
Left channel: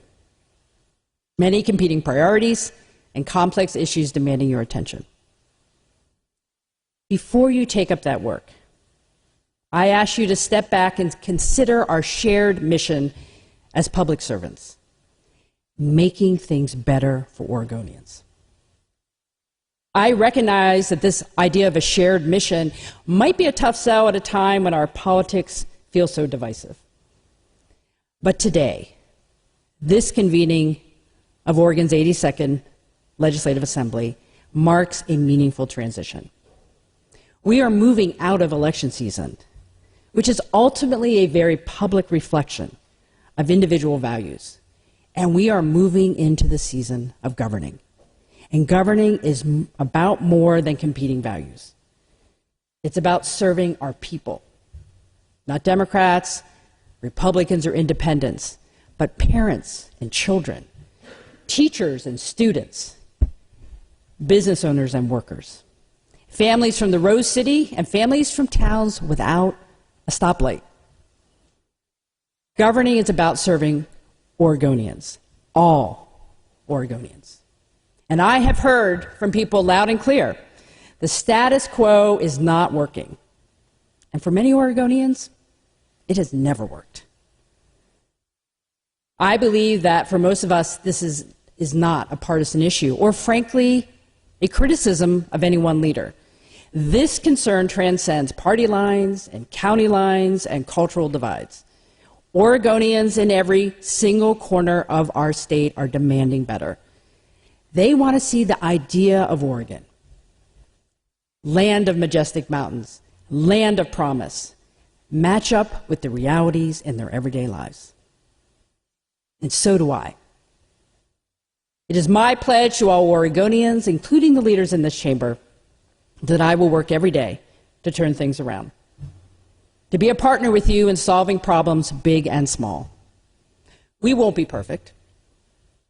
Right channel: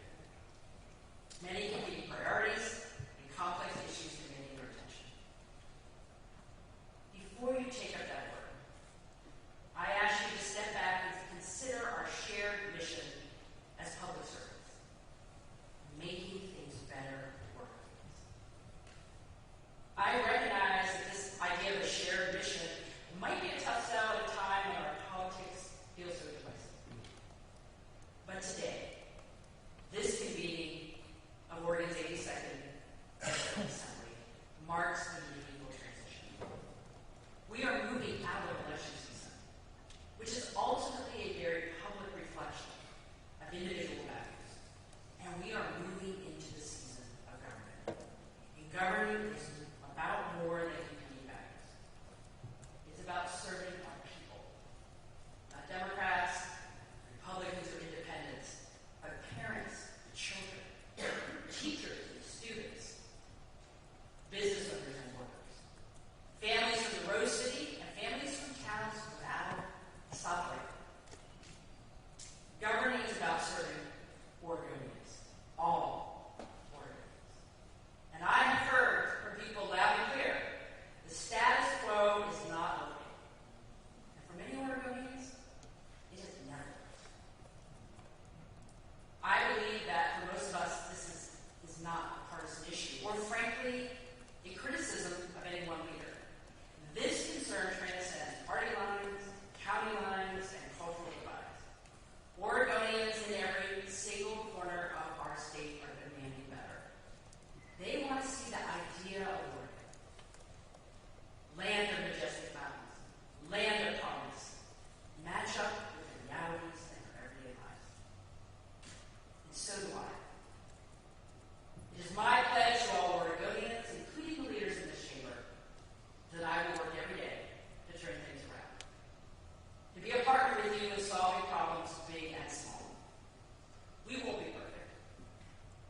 many competing priorities and complex issues demanding your attention. Before you take up that work, I ask you to step back and consider our shared mission as public servants, making things better for Oregonians. I recognize that this idea of a shared mission might be a tough sell at a time when our politics feel so divisive. But today, this convening of Oregon's 82nd Legislative Assembly marks a meaningful transition. We are moving out of election season, which is ultimately a very public reflection of individual values, and we are moving into the season of governing. And governing is about more than competing values. It's about serving our people, not Democrats, Republicans, or independents, but parents and children, teachers and students, business owners and workers, families from the Rose City and families from towns without a stoplight. Governing is about serving Oregonians, all Oregonians. And I have heard from people loud and clear, the status quo is not working. And for many Oregonians, it has never worked. I believe that for most of us, this is not a partisan issue, or frankly, a criticism of any one leader. This concern transcends party lines and county lines and cultural divides. Oregonians in every single corner of our state are demanding better. They want to see the idea of Oregon, land of majestic mountains, land of promise, match up with the realities in their everyday lives. And so do I. It is my pledge to all Oregonians, including the leaders in this chamber, that I will work every day to turn things around, to be a partner with you in solving problems big and small. We won't be perfect,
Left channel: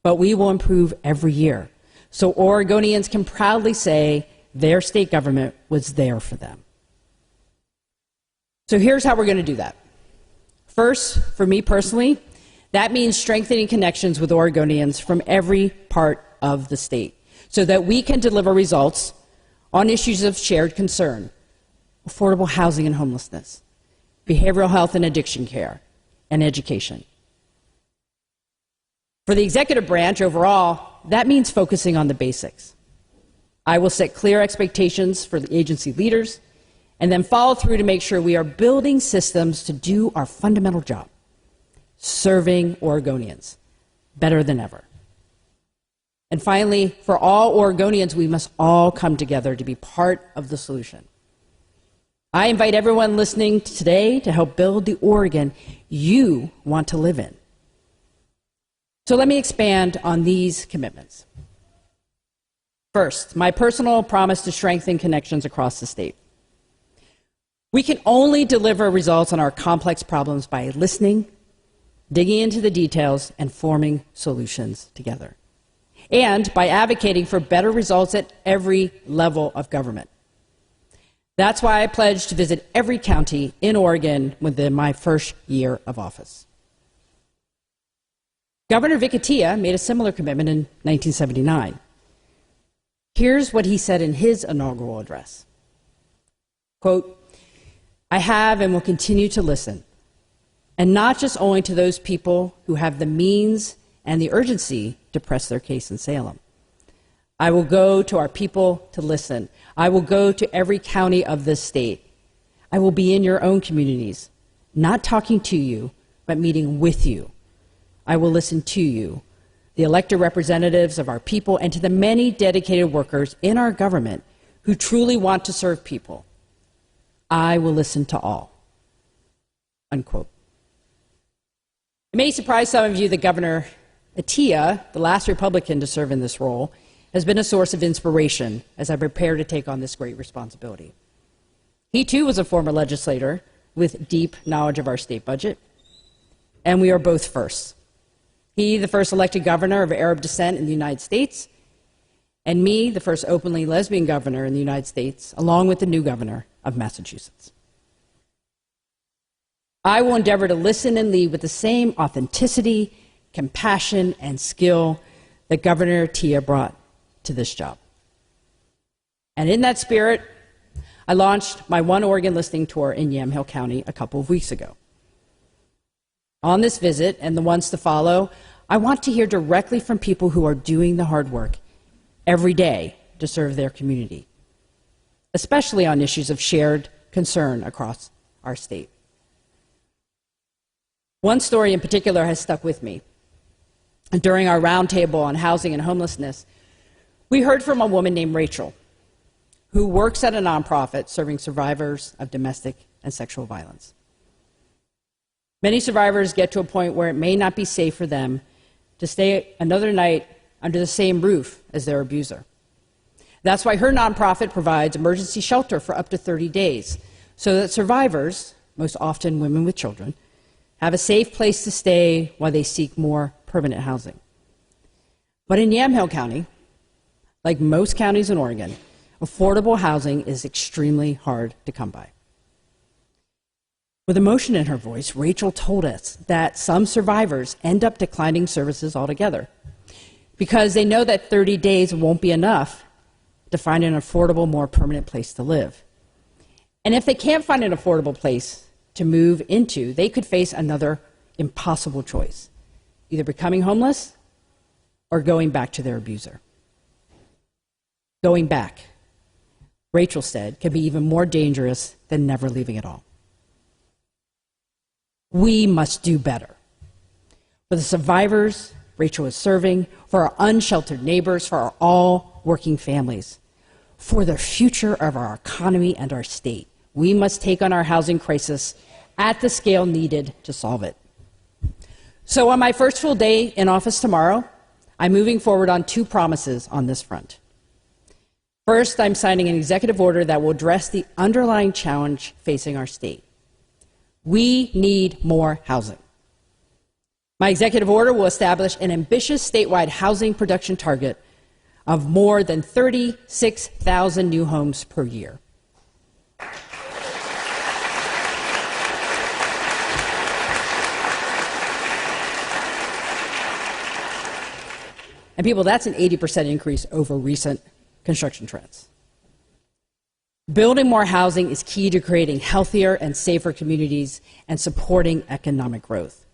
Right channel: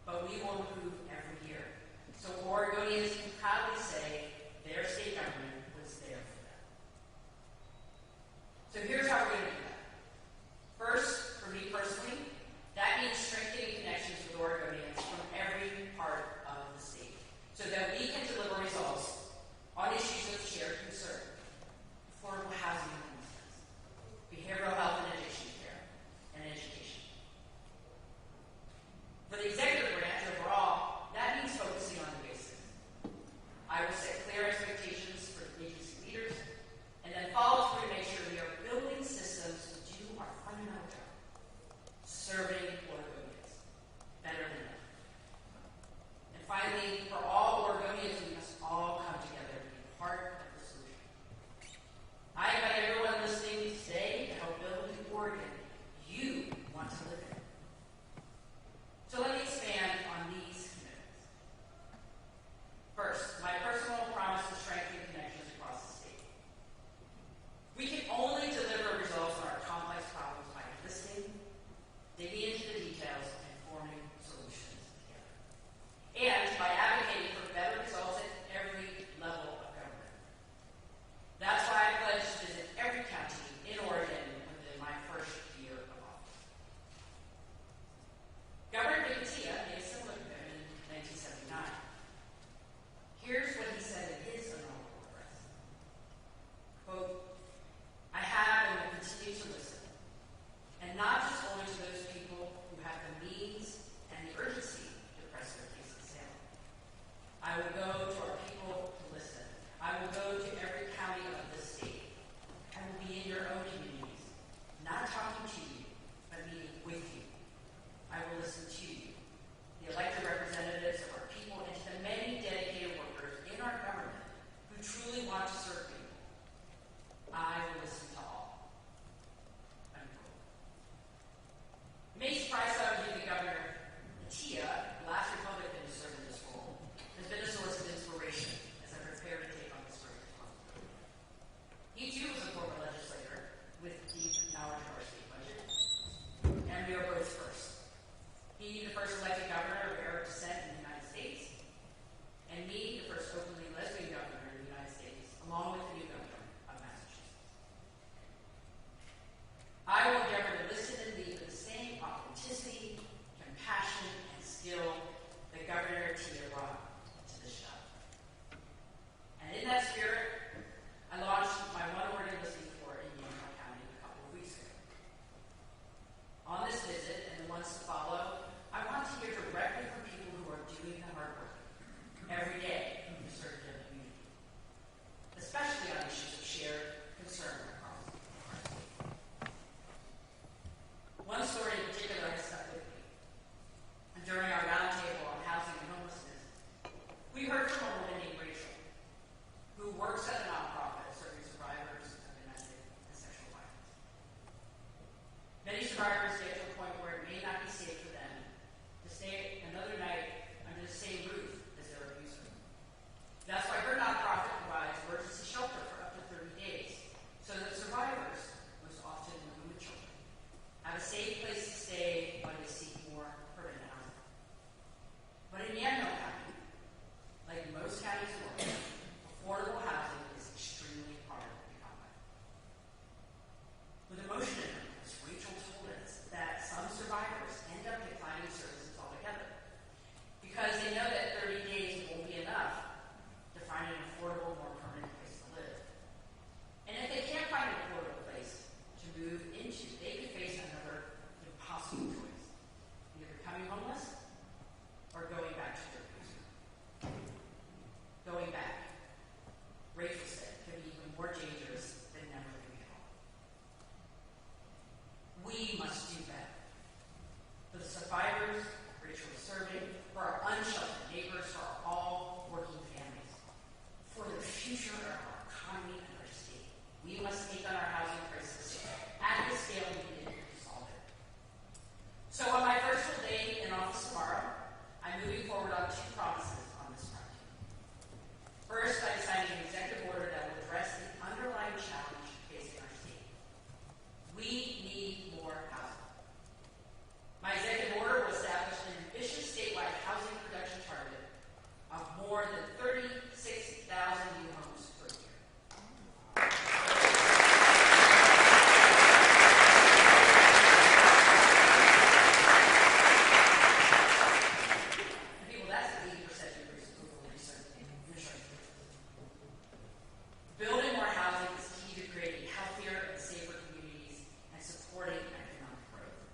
but we will improve every year, so Oregonians can proudly say their state government was there for them. So here's how we're going to do that. First, for me personally, that means strengthening connections with Oregonians from every part of the state so that we can deliver results on issues of shared concern: affordable housing and homelessness, behavioral health and addiction care, and education. For the executive branch overall, that means focusing on the basics. I will set clear expectations for the agency leaders and then follow through to make sure we are building systems to do our fundamental job: serving Oregonians better than ever. And finally, for all Oregonians, we must all come together to be part of the solution. I invite everyone listening today to help build the Oregon you want to live in. So let me expand on these commitments. First, my personal promise to strengthen connections across the state. We can only deliver results on our complex problems by listening, digging into the details, and forming solutions together, and by advocating for better results at every level of government. That's why I pledged to visit every county in Oregon within my first year of office. Governor Vic Atiyeh made a similar commitment in 1979. Here's what he said in his inaugural address. Quote, "I have and will continue to listen, and not just only to those people who have the means and the urgency to press their case in Salem. I will go to our people to listen. I will go to every county of this state. I will be in your own communities, not talking to you, but meeting with you. I will listen to you, the elected representatives of our people, and to the many dedicated workers in our government who truly want to serve people. I will listen to all." Unquote. It may surprise some of you that Governor Atiyeh, the last Republican to serve in this role, has been a source of inspiration as I prepare to take on this great responsibility. He too was a former legislator with deep knowledge of our state budget, and we are both firsts. He, the first elected governor of Arab descent in the United States, and me, the first openly lesbian governor in the United States, along with the new governor of Massachusetts. I will endeavor to listen and lead with the same authenticity, compassion, and skill that Governor Atiyeh brought to this job. And in that spirit, I launched my One Oregon listening tour in Yamhill County a couple of weeks ago. On this visit and the ones to follow, I want to hear directly from people who are doing the hard work every day to serve their community, especially on issues of shared concern across our state. One story in particular has stuck with me. During our roundtable on housing and homelessness, we heard from a woman named Rachel, who works at a nonprofit serving survivors of domestic and sexual violence. Many survivors get to a point where it may not be safe for them to stay another night under the same roof as their abuser. That's why her nonprofit provides emergency shelter for up to 30 days, so that survivors, most often women with children, have a safe place to stay while they seek more permanent housing. But in Yamhill County, like most counties in Oregon, affordable housing is extremely hard to come by. With emotion in her voice, Rachel told us that some survivors end up declining services altogether because they know that 30 days won't be enough to find an affordable, more permanent place to live. And if they can't find an affordable place to move into, they could face another impossible choice: either becoming homeless or going back to their abuser. Going back, Rachel said, can be even more dangerous than never leaving at all. We must do better. For the survivors Rachel is serving, for our unsheltered neighbors, for our all working families, for the future of our economy and our state, we must take on our housing crisis at the scale needed to solve it. So on my first full day in office tomorrow, I'm moving forward on two promises on this front. First, I'm signing an executive order that will address the underlying challenge facing our state. We need more housing. My executive order will establish an ambitious statewide housing production target of more than 36,000 new homes per year. And people, that's an 80% increase over recent construction trends. Building more housing is key to creating healthier and safer communities and supporting economic growth.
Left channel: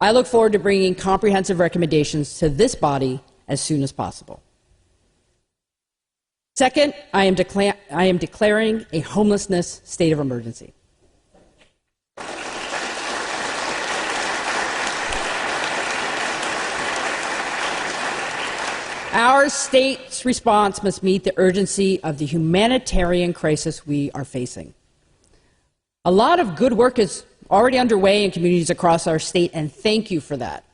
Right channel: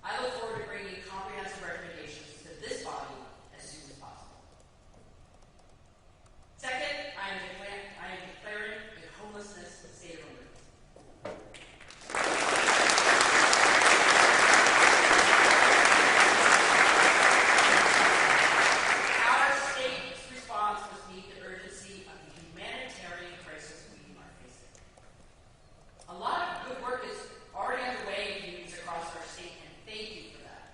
I look forward to bringing comprehensive recommendations to this body as soon as possible. Second, I am declaring a homelessness state of emergency. Our state's response must meet the urgency of the humanitarian crisis we are facing. A lot of good work is already underway in communities across our state, and thank you for that.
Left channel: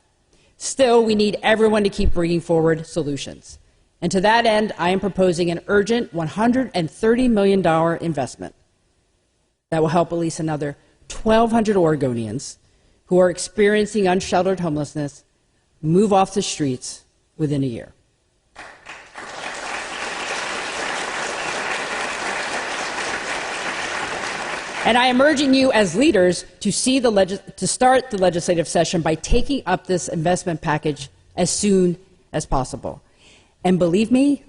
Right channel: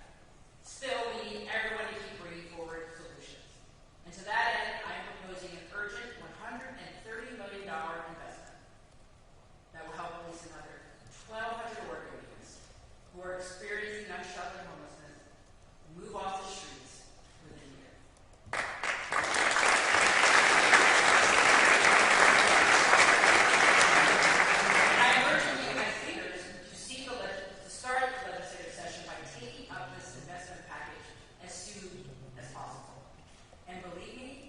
Still, we need everyone to keep bringing forward solutions. And to that end, I am proposing an urgent $130 million investment that will help at least another 1,200 Oregonians who are experiencing unsheltered homelessness move off the streets within a year. And I am urging you as leaders to start the legislative session by taking up this investment package as soon as possible. And believe me,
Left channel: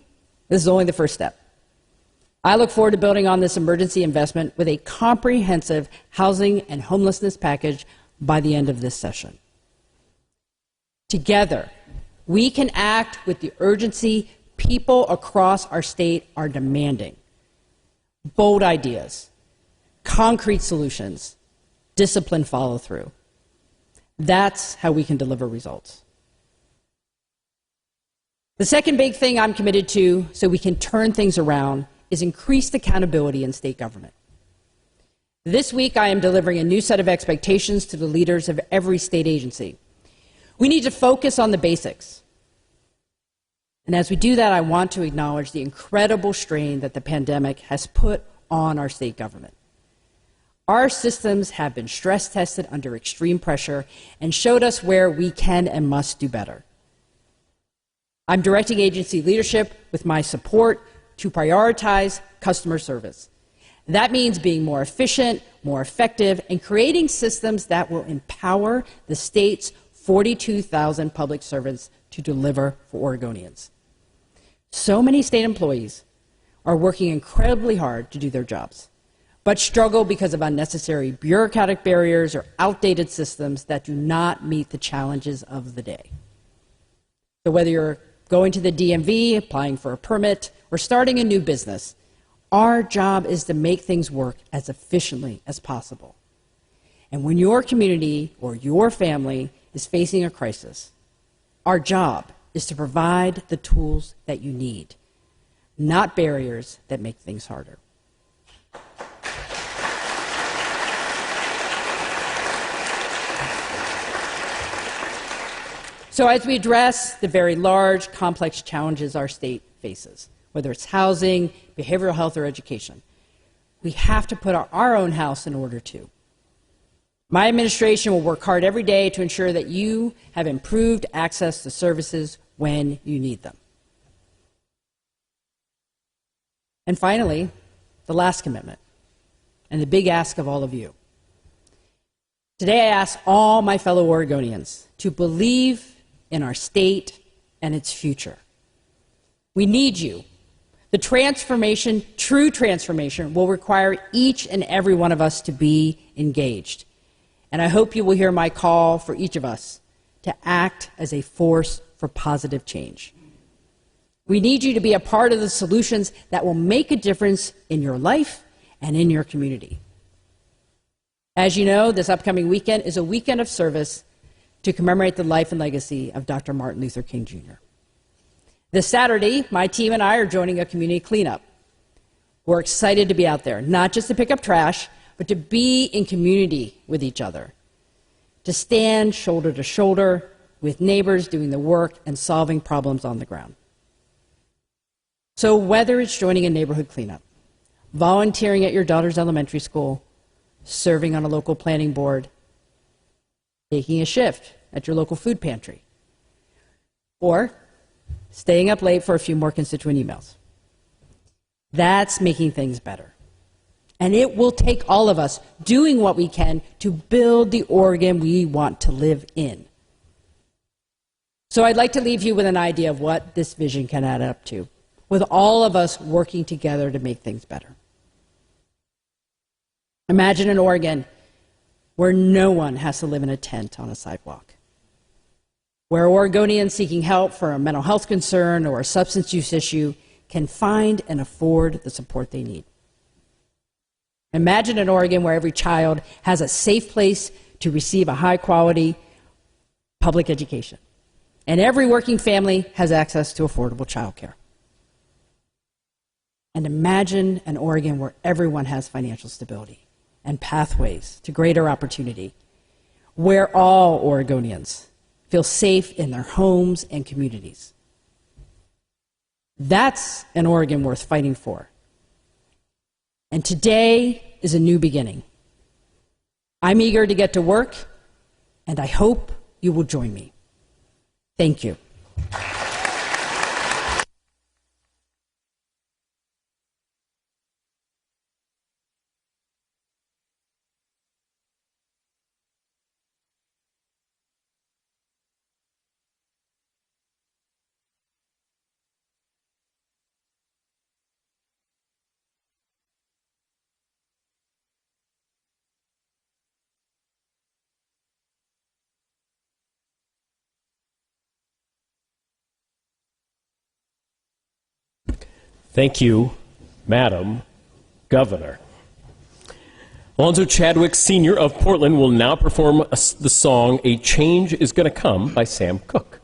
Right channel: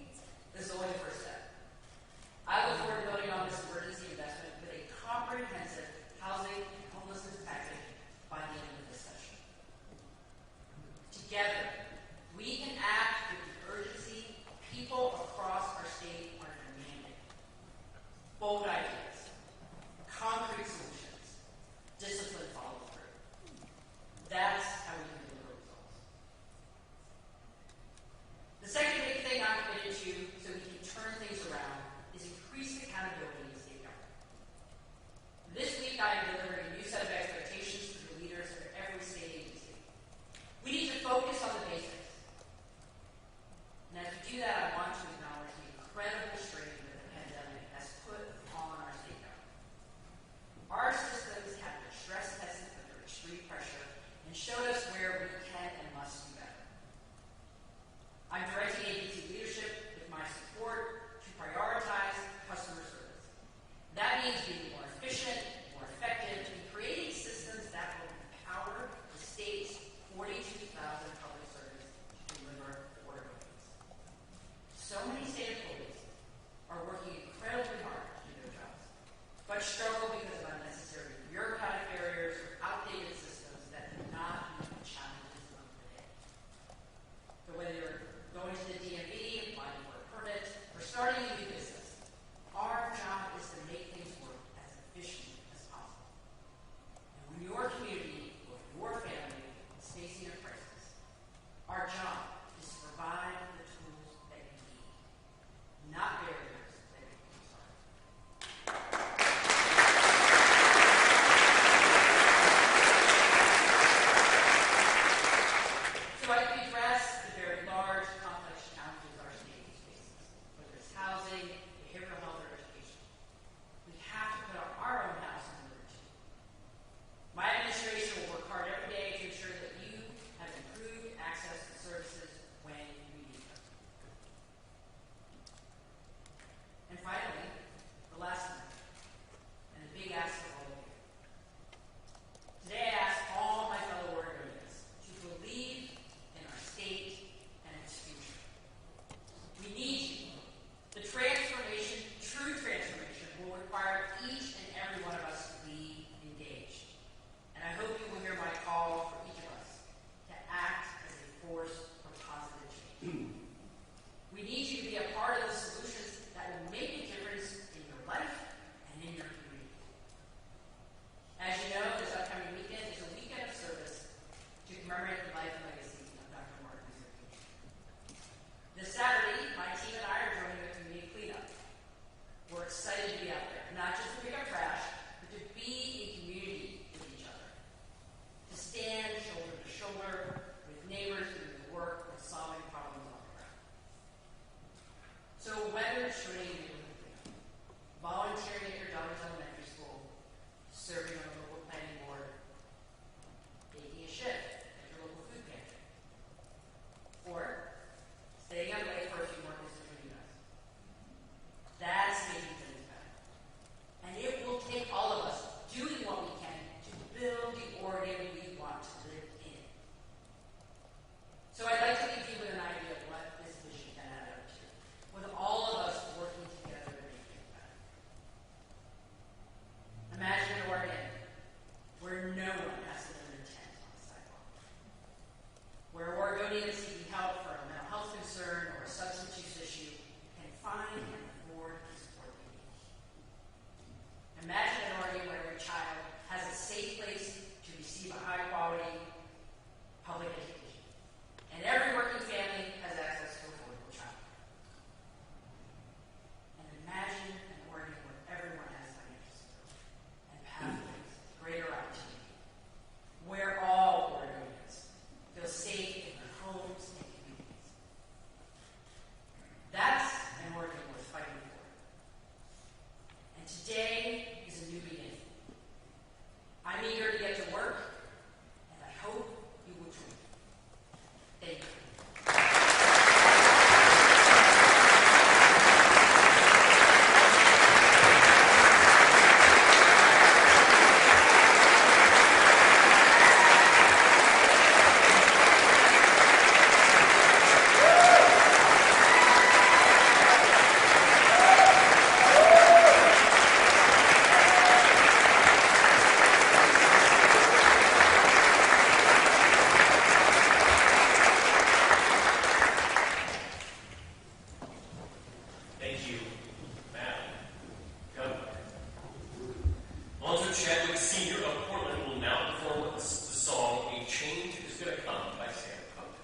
this is only the first step. I look forward to building on this emergency investment with a comprehensive housing and homelessness package by the end of this session. Together, we can act with the urgency people across our state are demanding. Bold ideas, concrete solutions, disciplined follow-through. That's how we can deliver results. The second big thing I'm committed to so we can turn things around is increased accountability in state government. This week, I am delivering a new set of expectations to the leaders of every state agency. We need to focus on the basics. And as we do that, I want to acknowledge the incredible strain that the pandemic has put on our state government. Our systems have been stress tested under extreme pressure and showed us where we can and must do better. I'm directing agency leadership with my support to prioritize customer service. That means being more efficient, more effective, and creating systems that will empower the state's 42,000 public servants to deliver for Oregonians. So many state employees are working incredibly hard to do their jobs, but struggle because of unnecessary bureaucratic barriers or outdated systems that do not meet the challenges of the day. So whether you're going to the DMV, applying for a permit, or starting a new business, our job is to make things work as efficiently as possible. And when your community or your family is facing a crisis, our job is to provide the tools that you need, not barriers that make things harder. So as we address the very large, complex challenges our state faces, whether it's housing, behavioral health, or education, we have to put our own house in order too. My administration will work hard every day to ensure that you have improved access to services when you need them. And finally, the last commitment, and the big ask of all of you. Today I ask all my fellow Oregonians to believe in our state and its future. We need you. The transformation, true transformation, will require each and every one of us to be engaged. And I hope you will hear my call for each of us to act as a force for positive change. We need you to be a part of the solutions that will make a difference in your life and in your community. As you know, this upcoming weekend is a weekend of service to commemorate the life and legacy of Dr. Martin Luther King Jr. This Saturday, my team and I are joining a community cleanup. We're excited to be out there, not just to pick up trash, but to be in community with each other, to stand shoulder to shoulder with neighbors doing the work and solving problems on the ground. So whether it's joining a neighborhood cleanup, volunteering at your daughter's elementary school, serving on a local planning board, taking a shift at your local food pantry, or staying up late for a few more constituent emails. That's making things better. And it will take all of us doing what we can to build the Oregon we want to live in. So I'd like to leave you with an idea of what this vision can add up to, with all of us working together to make things better. Imagine an Oregon where no one has to live in a tent on a sidewalk, where Oregonians seeking help for a mental health concern or a substance use issue can find and afford the support they need. Imagine an Oregon where every child has a safe place to receive a high-quality public education, and every working family has access to affordable childcare. And imagine an Oregon where everyone has financial stability and pathways to greater opportunity, where all Oregonians feel safe in their homes and communities. That's an Oregon worth fighting for. And today is a new beginning. I'm eager to get to work, and I hope you will join me. Thank you. Thank you, Madam Governor. Alonzo Chadwick, Sr. of Portland, will now perform the song "A Change Is Gonna Come" by Sam Cooke.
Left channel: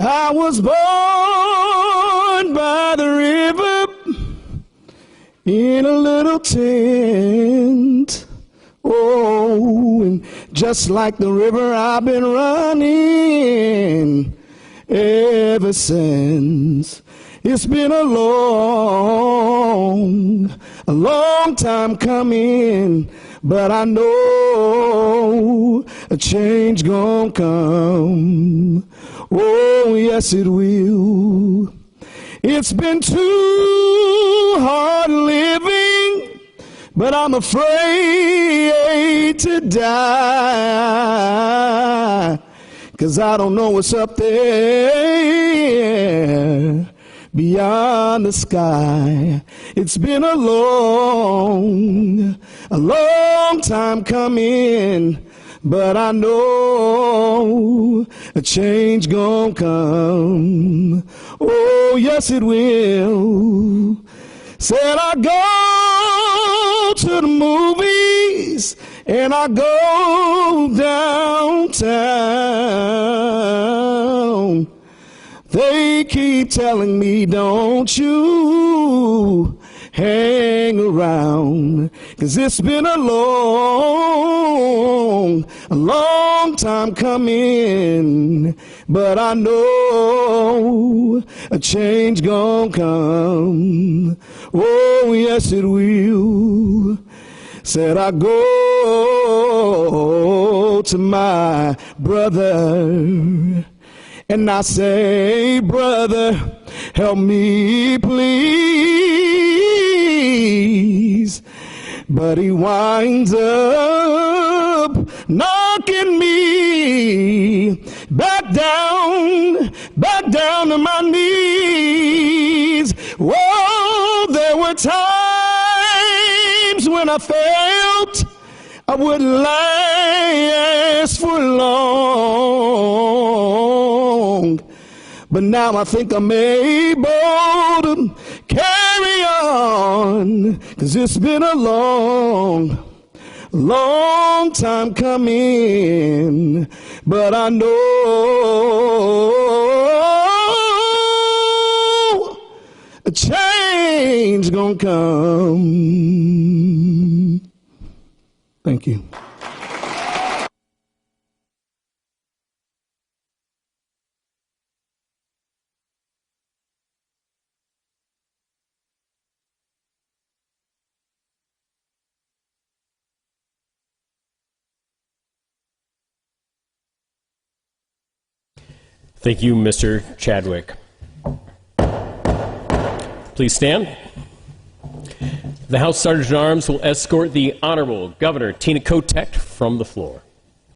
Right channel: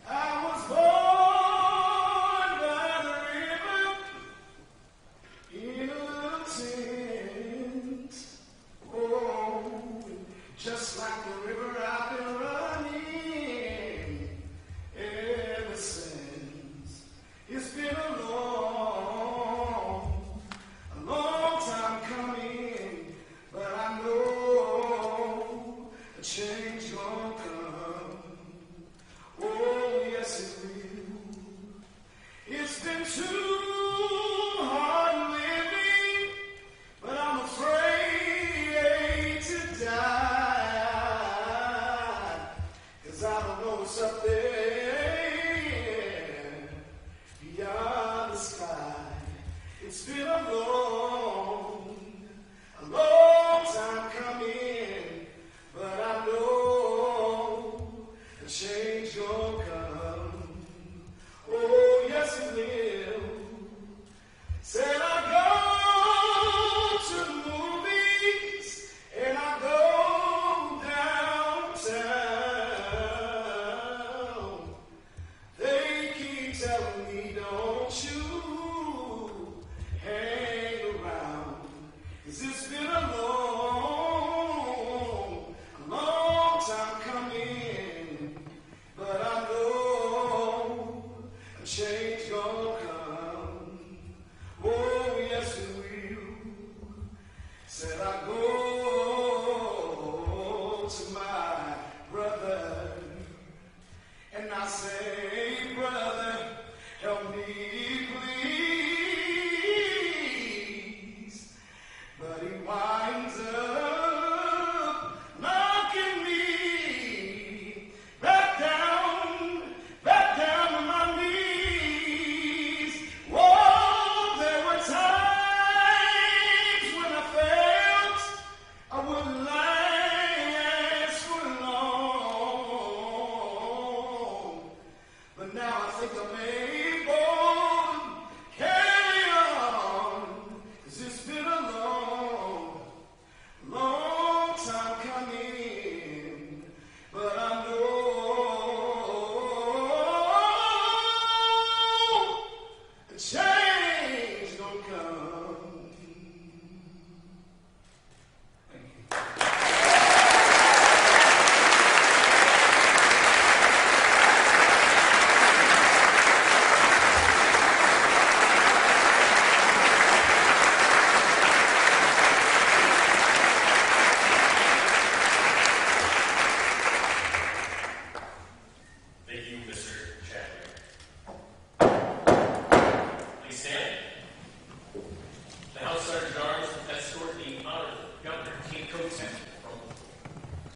I was born by the river in a little tent. Oh, and just like the river, I've been running ever since. It's been a long time coming, but I know a change gonna come. Oh, yes, it will. It's been too hard living, but I'm afraid to die, 'cause I don't know what's up there beyond the sky. It's been a long time coming, but I know a change gonna come. Oh, yes, it will. Said I go to the movies and I go downtown. They keep telling me, don't you hang around, 'cause it's been a long time coming, but I know a change gonna come. Oh, yes, it will. Said I go to my brother and I say, brother, help me please. But he winds up knocking me back down to my knees. Whoa, there were times when I felt I wouldn't last for long, but now I think I'm able to carry on, 'cause it's been a long time coming, but I know a change gonna come. Thank you. Thank you, Mr. Chadwick. Please stand. The House Sergeant at Arms will escort the Honorable Governor Tina Kotek from the floor.